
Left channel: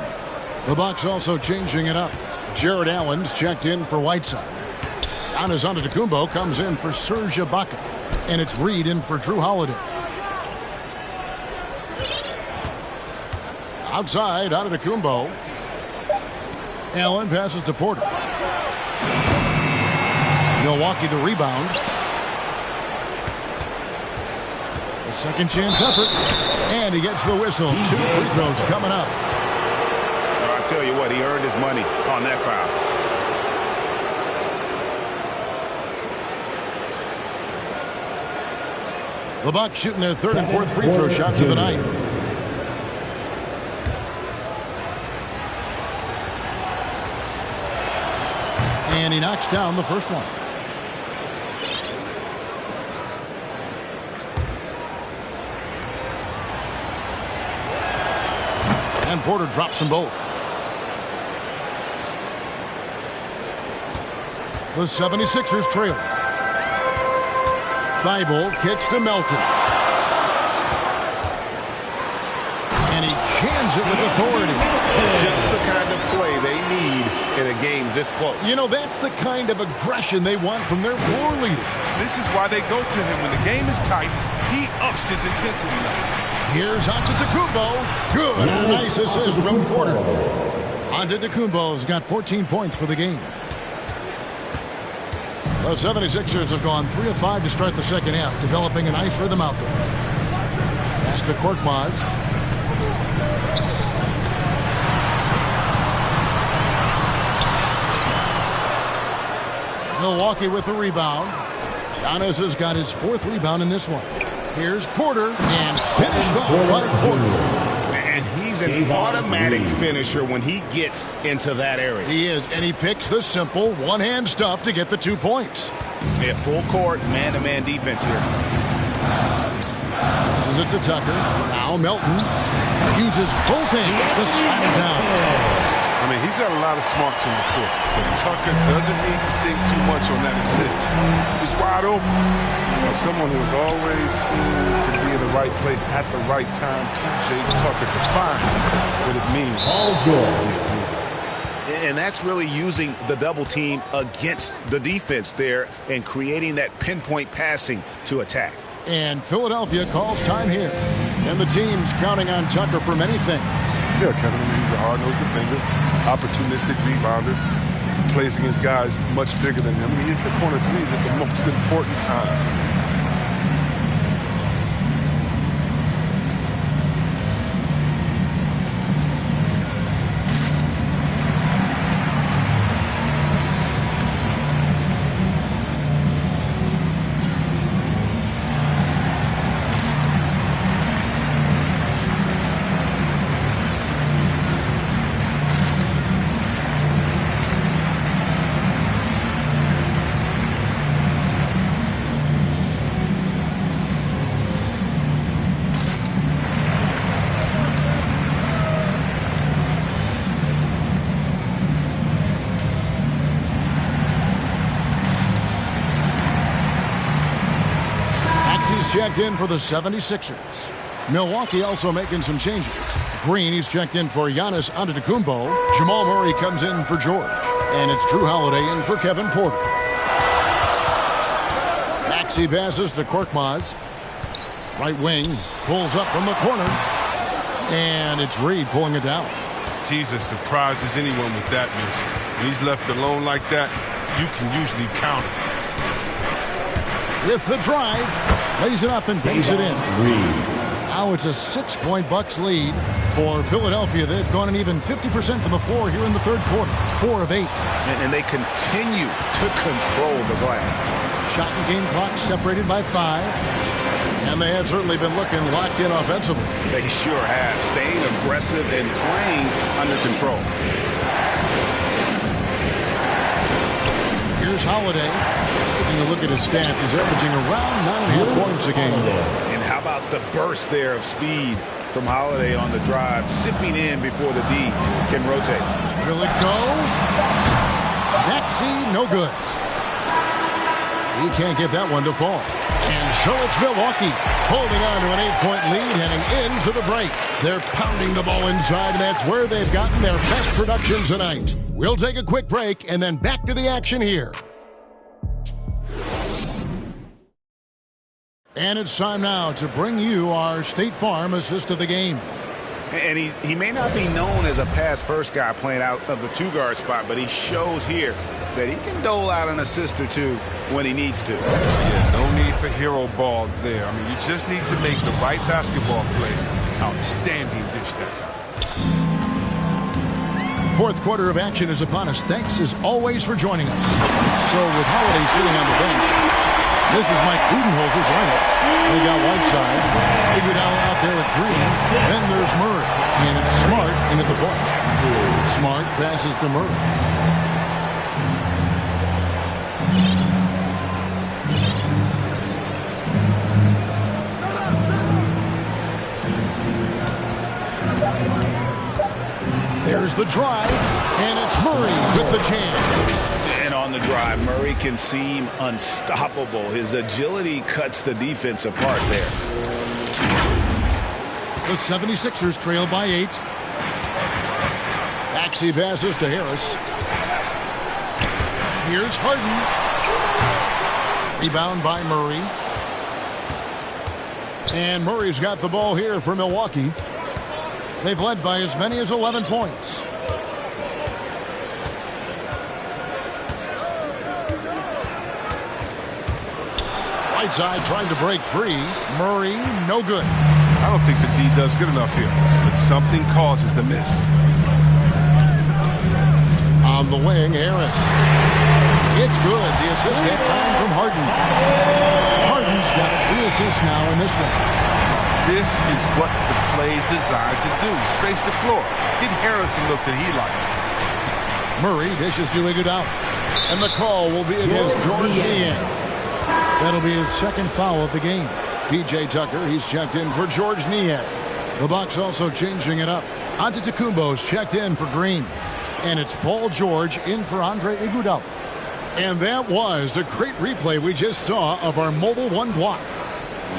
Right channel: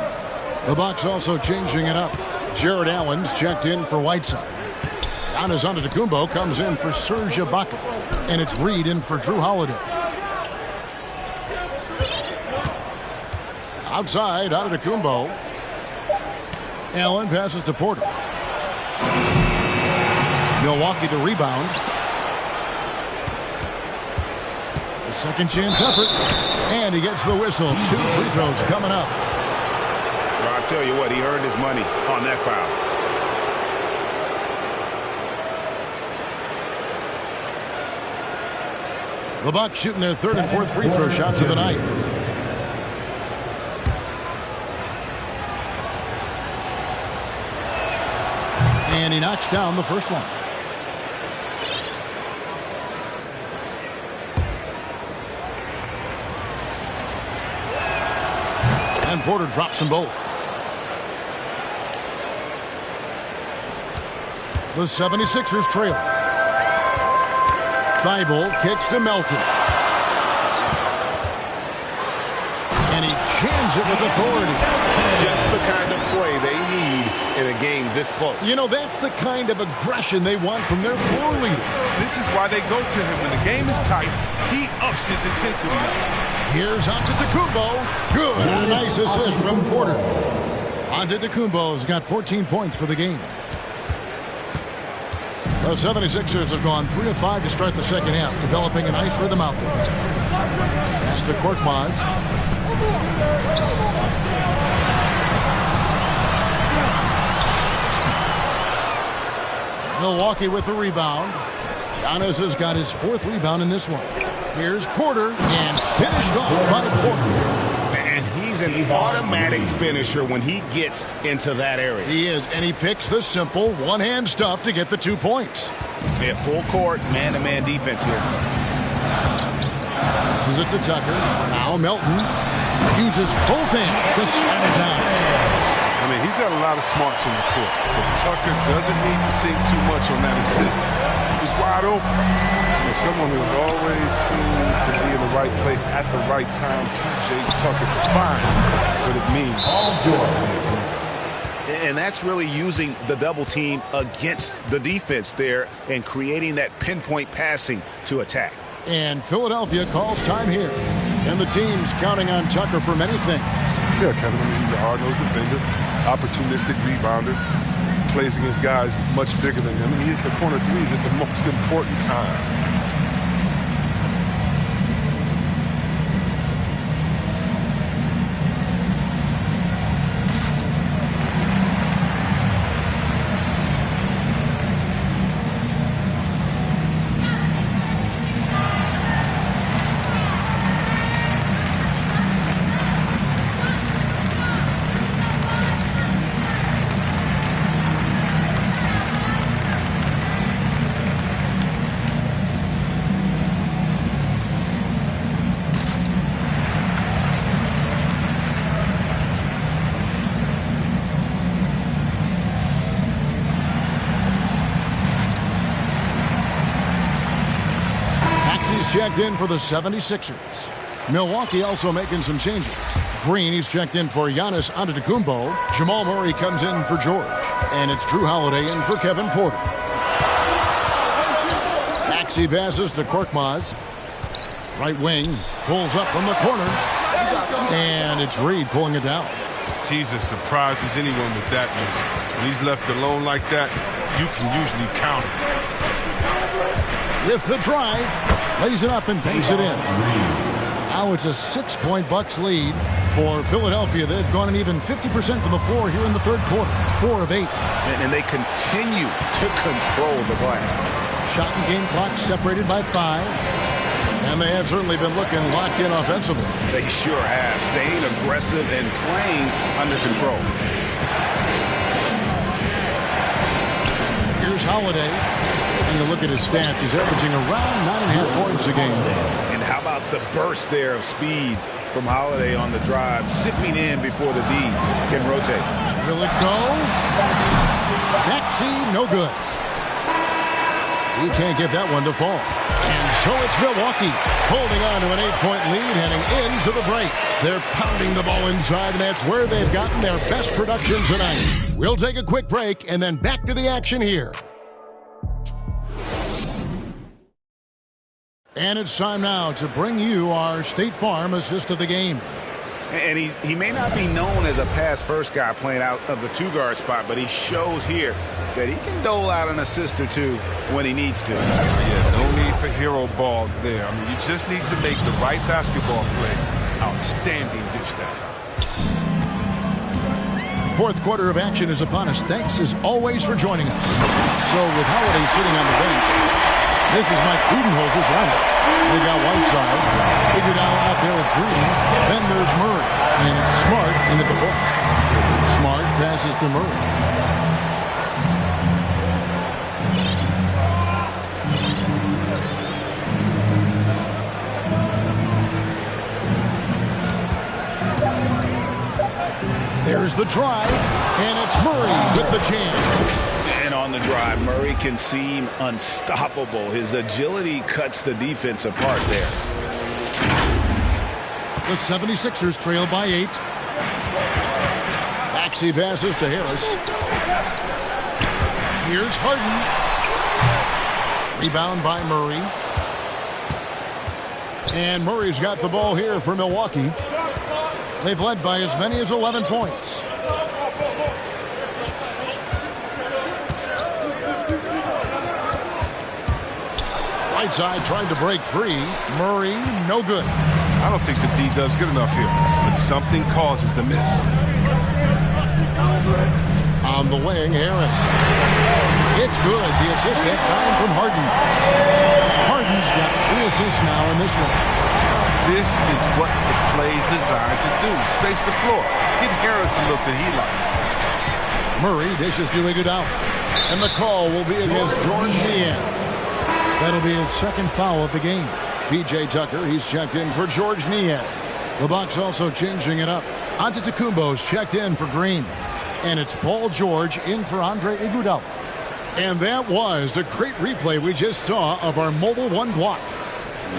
The Bucks also changing it up. Jared Allen's checked in for Whiteside. Giannis Antetokounmpo comes in for Serge Ibaka. And it's Reed in for Drew Holiday. Outside, Antetokounmpo. Allen passes to Porter. Milwaukee the rebound. A second chance effort. And he gets the whistle. 2 free throws coming up. I tell you what, he earned his money on that foul. The Bucks shooting their 3rd and 4th free throw shots of the night. And he knocks down the first one. And Porter drops them both. The 76ers trailing. Thybulle kicks to Melton. And he jams it with authority. Just the kind of play they need in a game this close. You know, that's the kind of aggression they want from their floor leader. This is why they go to him when the game is tight. He ups his intensity level. Here's Antetokounmpo. Good. And a nice assist from Porter. Antetokounmpo's got 14 points for the game. The 76ers have gone 3 of 5 to start the second half, developing a nice rhythm out there. Pass to Korkmaz. Milwaukee with the rebound. Giannis has got his 4th rebound in this one. Here's Porter, and finished off by Porter. And he's an automatic finisher when he gets into that area. He is, and he picks the simple one-hand stuff to get the 2 points. Yeah, full court, man-to-man defense here. This is it to Tucker. Now Melton uses both hands to slam it down. I mean, he's got a lot of smarts in the court, but Tucker doesn't need to think too much on that assist. He's wide open. Someone who always seems to be in the right place at the right time. PJ Tucker defines what it means to be a blue guy. And that's really using the double team against the defense there and creating that pinpoint passing to attack. And Philadelphia calls time here. And the team's counting on Tucker for many things. Yeah, Kevin, I mean, he's a hard-nosed defender, opportunistic rebounder, plays against guys much bigger than him, and he hits the corner threes at the most important times. He's checked in for the 76ers. Milwaukee also making some changes. Green, he's checked in for Giannis Antetokounmpo. Jamal Murray comes in for George. And it's Drew Holiday in for Kevin Porter. Maxey passes to Korkmaz. Right wing, pulls up from the corner. And it's Reed pulling it down. He's as surprised as anyone with that miss. When he's left alone like that, you can usually count it. With the drive, lays it up and banks it in. Now it's a 6-point Bucks lead for Philadelphia. They've gone an even 50% from the floor here in the third quarter. 4 of 8. And they continue to control the glass. Shot and game clock separated by 5. And they have certainly been looking locked in offensively. They sure have. Staying aggressive and playing under control. Here's Holiday. Taking a look at his stats, he's averaging around 9.5 points a game. And how about the burst there of speed from Holiday on the drive, sipping in before the D can rotate. Will it go? Maxey, no good. He can't get that one to fall. And so it's Milwaukee holding on to an 8-point lead heading into the break. They're pounding the ball inside, and that's where they've gotten their best production tonight. We'll take a quick break and then back to the action here. And it's time now to bring you our State Farm assist of the game. And he may not be known as a pass-first guy playing out of the two-guard spot, but he shows here that he can dole out an assist or two when he needs to. Yeah, no need for hero ball there. I mean, you just need to make the right basketball play. Outstanding dish that time. Fourth quarter of action is upon us. Thanks, as always, for joining us. So with Holiday sitting on the bench, this is Mike Budenholzer's lineup. They've got Whiteside, Iguodala out there with Green. Then there's Murray, and it's Smart into the point. Smart passes to Murray. There's the drive, and it's Murray with the jam. And on the drive, Murray can seem unstoppable. His agility cuts the defense apart there. The 76ers trail by 8. Maxey passes to Harris. Here's Harden. Rebound by Murray. And Murray's got the ball here for Milwaukee. They've led by as many as 11 points. Whiteside trying to break free. Murray, no good. I don't think the D does good enough here, but something causes the miss. On the wing, Harris. It's good. The assist that time from Harden. Harden's got 3 assists now in this one. This is what the play is designed to do. Space the floor. Get Harris a look that he likes. Murray dishes to Iguodala. And the call will be against George Niang. That'll be his second foul of the game. P.J. Tucker, he's checked in for George Niang. The Bucks also changing it up. Antetokounmpo's checked in for Green. And it's Paul George in for Andre Iguodala. And that was a great replay we just saw of our Mobile One block.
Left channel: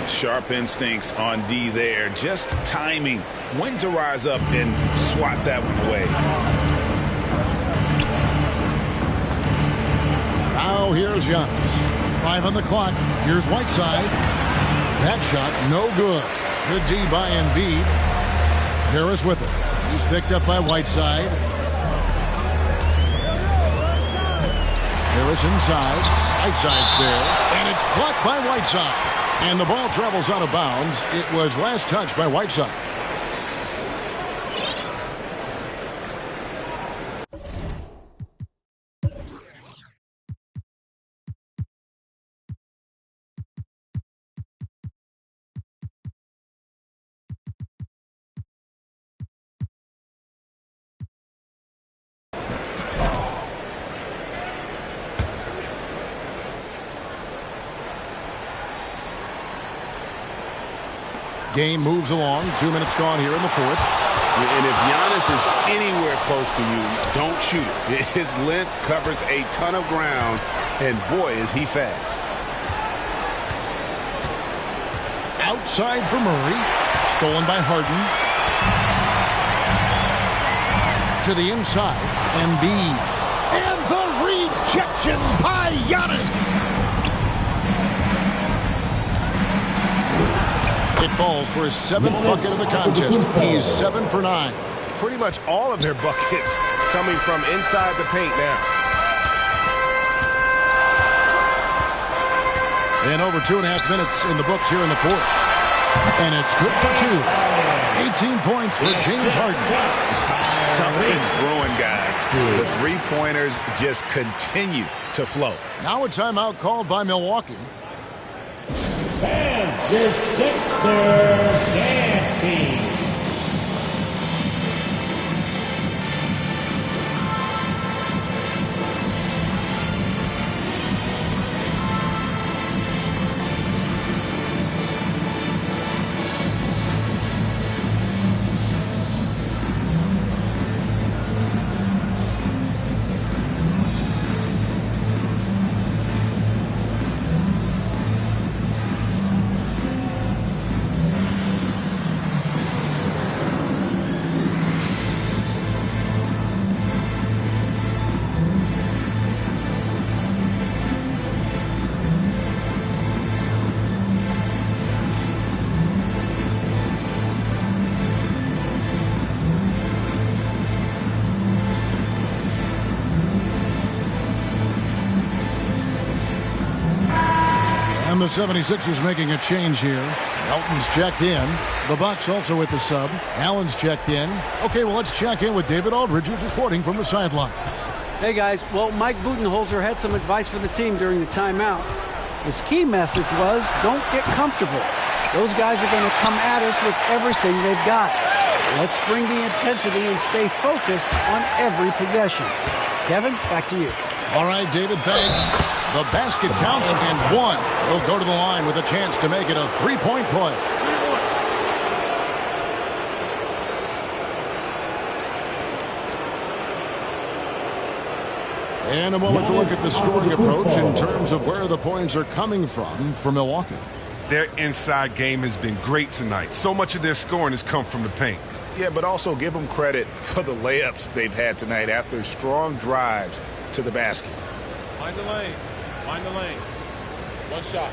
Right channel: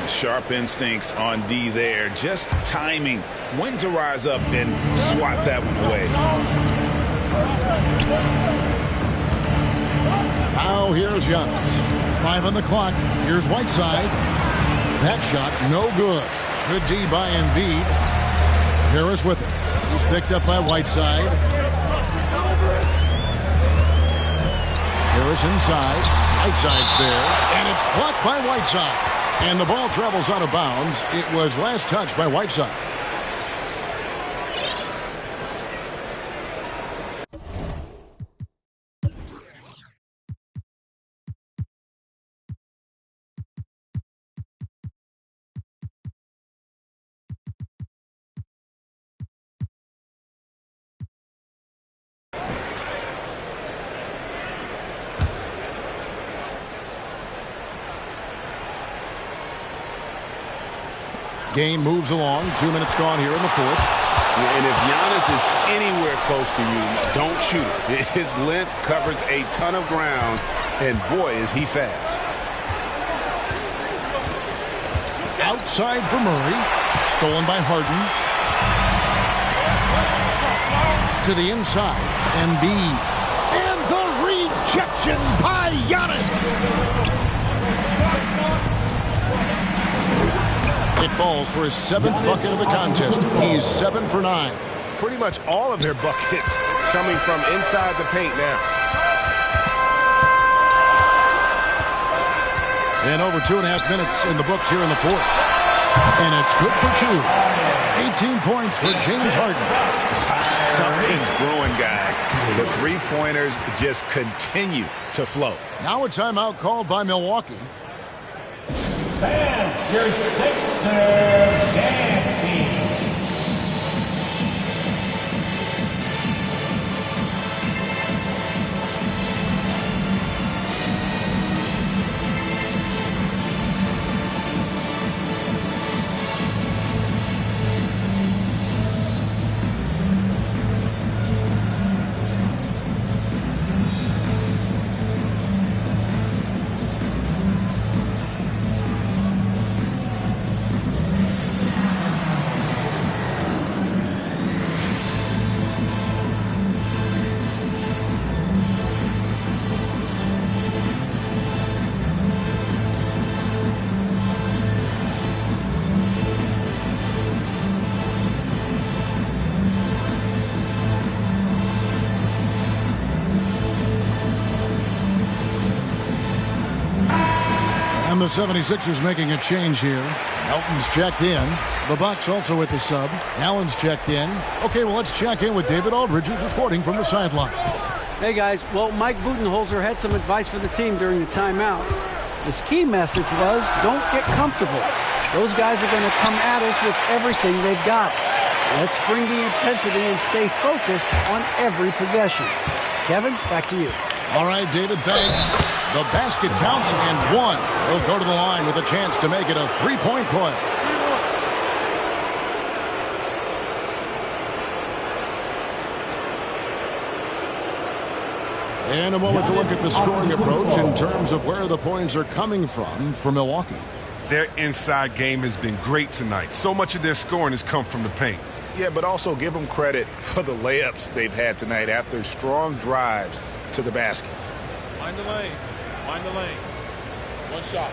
Sharp instincts on D there. Just timing when to rise up and swat that one away. Now here's Giannis. 5 on the clock. Here's Whiteside. That shot, no good. Good D by Embiid. Harris with it. He's picked up by Whiteside. Harris inside. Whiteside's there. And it's blocked by Whiteside. And the ball travels out of bounds. It was last touched by Whiteside. Game moves along. 2 minutes gone here in the fourth. And if Giannis is anywhere close to you, don't shoot it. His length covers a ton of ground, and boy, is he fast. Outside for Murray. Stolen by Harden. To the inside. Embiid. And the rejection by Giannis. It falls for his 7th bucket of the contest. He's 7 for 9. Pretty much all of their buckets coming from inside the paint now. And over 2.5 minutes in the books here in the fourth. And it's good for 2. 18 points for James Harden. Something's brewing, guys. The three-pointers just continue to flow. Now a timeout called by Milwaukee. Fans, your Sixers dance team. And the 76ers making a change here. Elton's checked in. The Bucks also with the sub. Allen's checked in. Okay, well, let's check in with David Aldridge, who's reporting from the sidelines. Hey, guys. Well, Mike Budenholzer had some advice for the team during the timeout. His key message was, don't get comfortable. Those guys are going to come at us with everything they've got. Let's bring the intensity and stay focused on every possession. Kevin, back to you. All right, David, thanks. The basket counts and one. He'll go to the line with a chance to make it a three-point play. And a moment to look at the scoring approach in terms of where the points are coming from for Milwaukee. Their inside game has been great tonight. So much of their scoring has come from the paint. Yeah, but also give them credit for the layups they've had tonight after strong drives to the basket. Mind the lanes. Mind the lanes. One shot.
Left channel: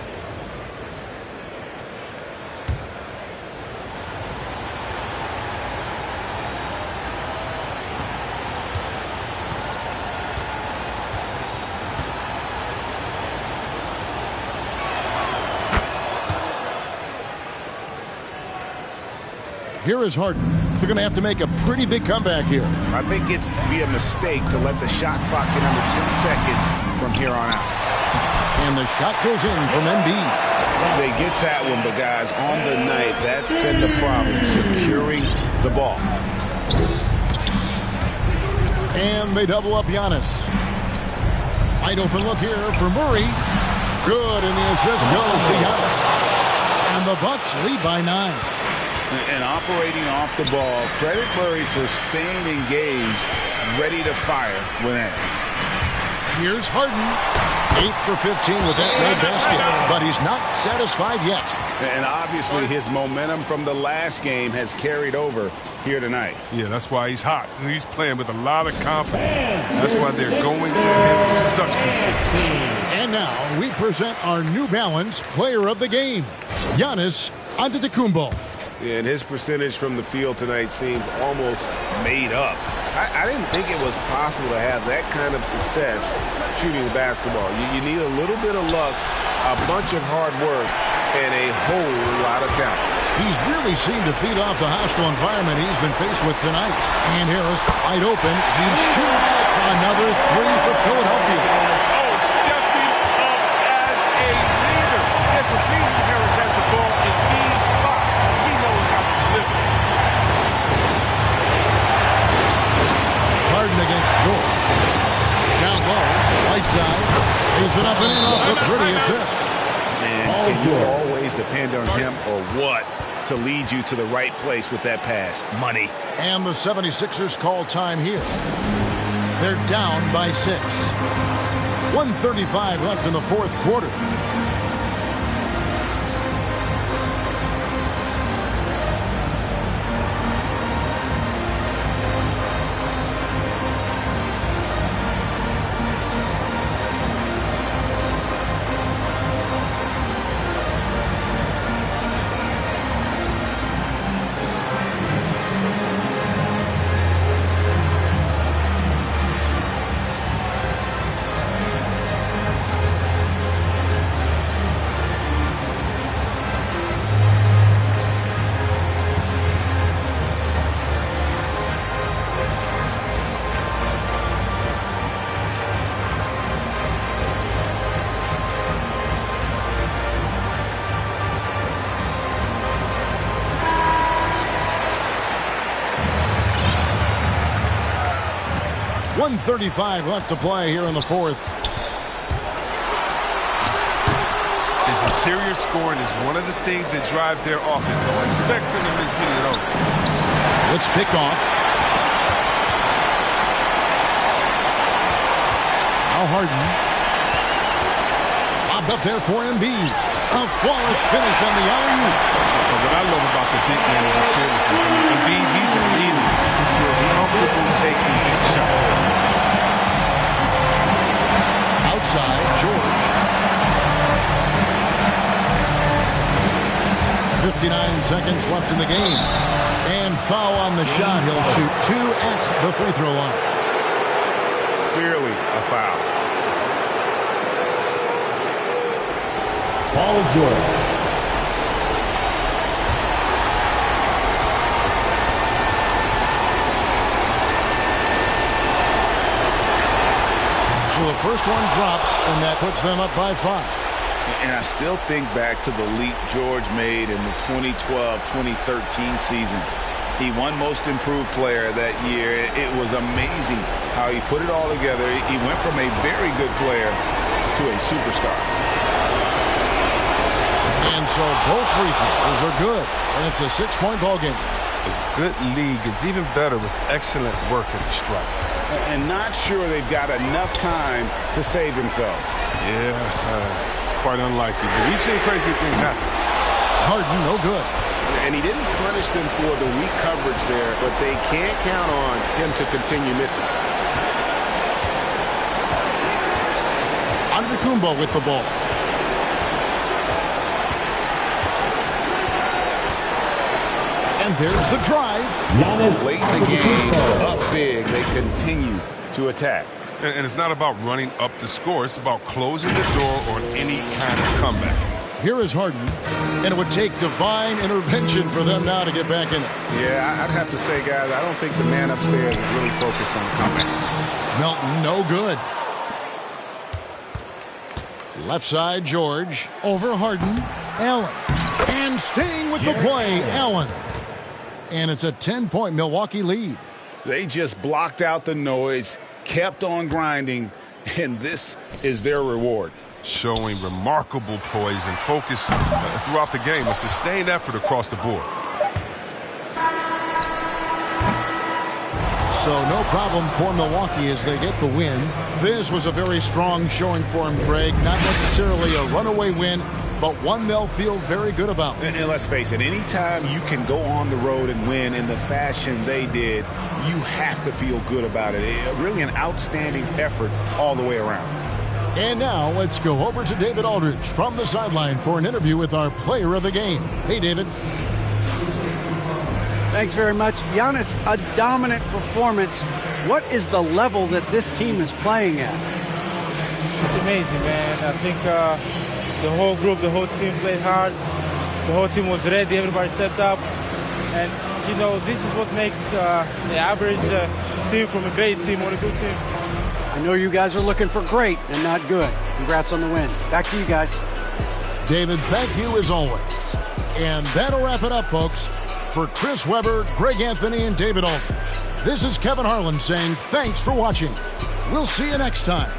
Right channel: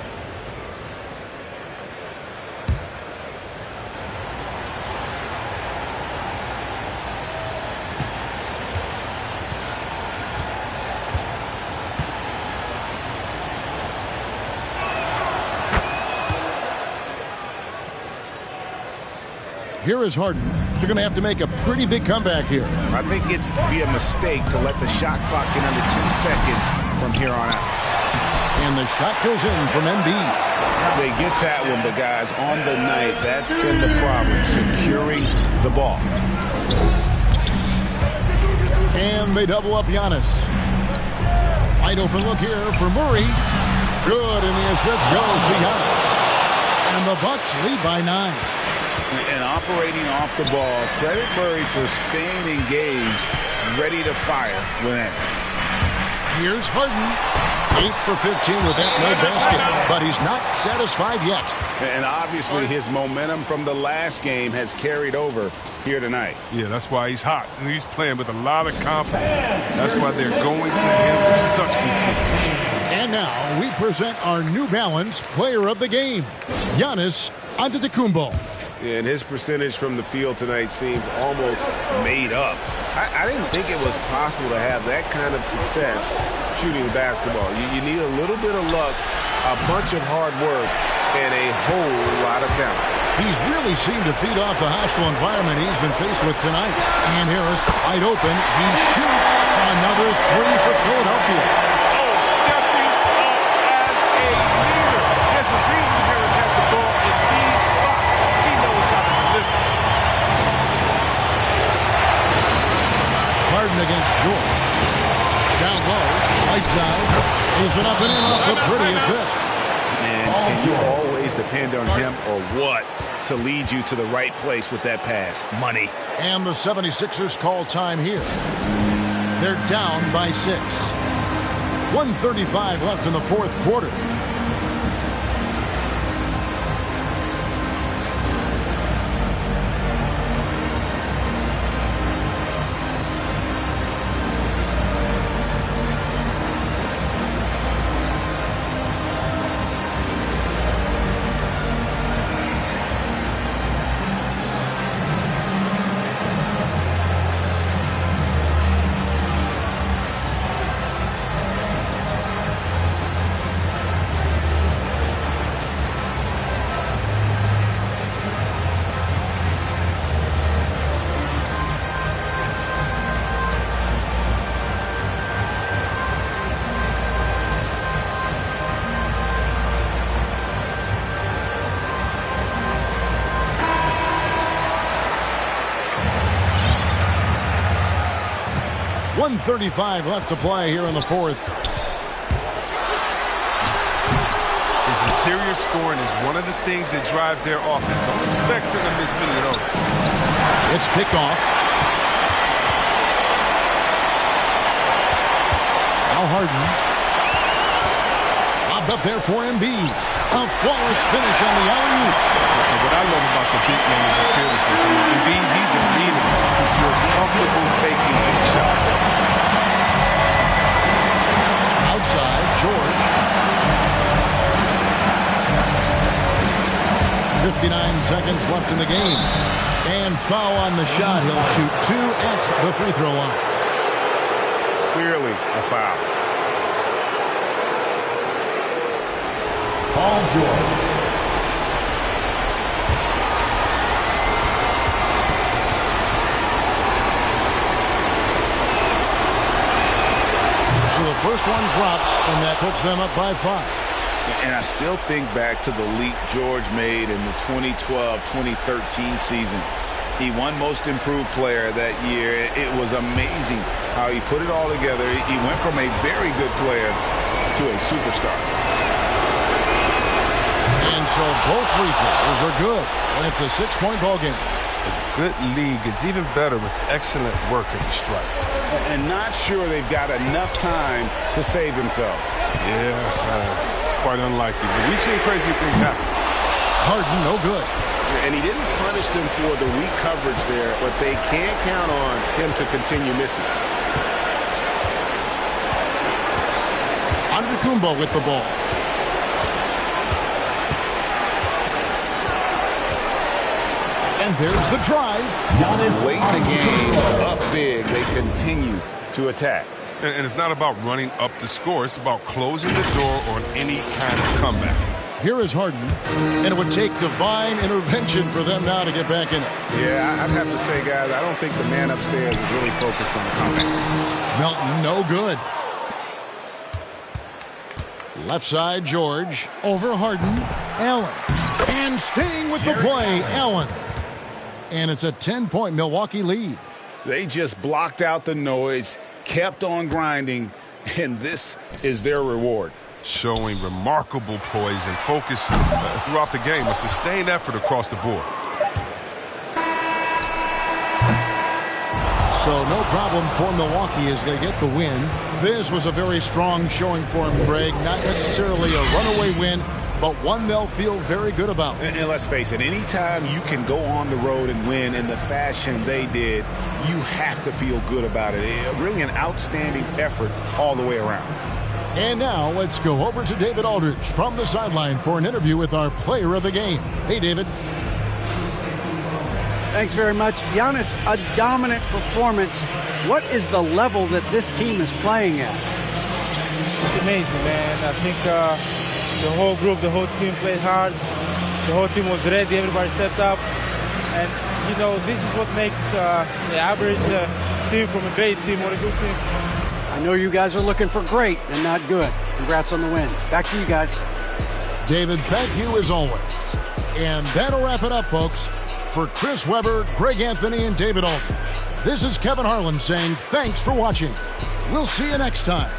Here is Harden. They're going to have to make a pretty big comeback here. I think it's be a mistake to let the shot clock get under 10 seconds from here on out. And the shot goes in from Embiid. They get that one, but guys, on the night, that's been the problem, securing the ball. And they double up Giannis. Wide open look here for Murray. Good, and the assist goes to Giannis. And the Bucks lead by 9. And operating off the ball, credit Murray for staying engaged, ready to fire when asked. Here's Harden. 8 for 15 with that made basket, but he's not satisfied yet. And obviously his momentum from the last game has carried over here tonight. Yeah, that's why he's hot. He's playing with a lot of confidence. That's why they're going to him with such consistency. And now we present our New Balance Player of the Game, Giannis Antetokounmpo. Yeah, and his percentage from the field tonight seems almost made up. I didn't think it was possible to have that kind of success shooting the basketball. You need a little bit of luck, a bunch of hard work, and a whole lot of talent. He's really seemed to feed off the hostile environment he's been faced with tonight. And Harris wide open. He shoots another 3 for Philadelphia. Oh, stepping up as a leader. There's a reason Harris has the ball in these spots. He knows how to deliver. Harden against George. Down low, right side. He's it up and in off the pretty assist. And can you always depend on him or what to lead you to the right place with that pass? Money. And the 76ers call time here. They're down by 6. 1:35 left in the fourth quarter. .135 left to play here in the fourth. His interior scoring is one of the things that drives their offense. Don't expect him to miss many of those. It's picked off. Now Harden. Lobbed up there for Embiid. A flawless finish on the alley-oop. What I love about the big man is his fearlessness. I mean, Embiid, he's a leader who feels comfortable taking big shots. Outside, George. 59 seconds left in the game. And foul on the shot. He'll shoot 2 at the free throw line. Clearly a foul. Paul George. So the first one drops, and that puts them up by 5. And I still think back to the leap George made in the 2012-2013 season. He won Most Improved Player that year. It was amazing how he put it all together. He went from a very good player to a superstar. And so both free throws are good, and it's a 6-point ball game. A good league is even better with excellent work at the stripe. And not sure they've got enough time to save themselves. Yeah, it's quite unlikely, but we've seen crazy things happen. Harden, no good. And he didn't punish them for the weak coverage there, but they can't count on him to continue missing. Antetokounmpo with the ball. And there's the drive. Late in the game, up big, they continue to attack. And it's not about running up the score. It's about closing the door on any kind of comeback. Here is Harden, and it would take divine intervention for them now to get back in it. Yeah, I'd have to say, guys, I don't think the man upstairs is really focused on the comeback. Melton, no good. Left side, George. Over Harden. Allen. And staying with the play, Allen. And it's a 10-point Milwaukee lead. They just blocked out the noise, kept on grinding, and this is their reward. Showing remarkable poise and focus throughout the game. A sustained effort across the board. So no problem for Milwaukee as they get the win. This was a very strong showing for them, Greg. Not necessarily a runaway win, but one they'll feel very good about. And let's face it, anytime you can go on the road and win in the fashion they did, you have to feel good about it. Really an outstanding effort all the way around. And now let's go over to David Aldridge from the sideline for an interview with our player of the game. Hey, David. Thanks very much. Giannis, a dominant performance. What is the level that this team is playing at? It's amazing, man. I think the whole group, the whole team played hard. The whole team was ready. Everybody stepped up. And, you know, this is what makes the average team from a great team or a good team. I know you guys are looking for great and not good. Congrats on the win. Back to you guys. David, thank you as always. And that'll wrap it up, folks. For Chris Webber, Greg Anthony, and David Aldridge, this is Kevin Harlan saying thanks for watching. We'll see you next time.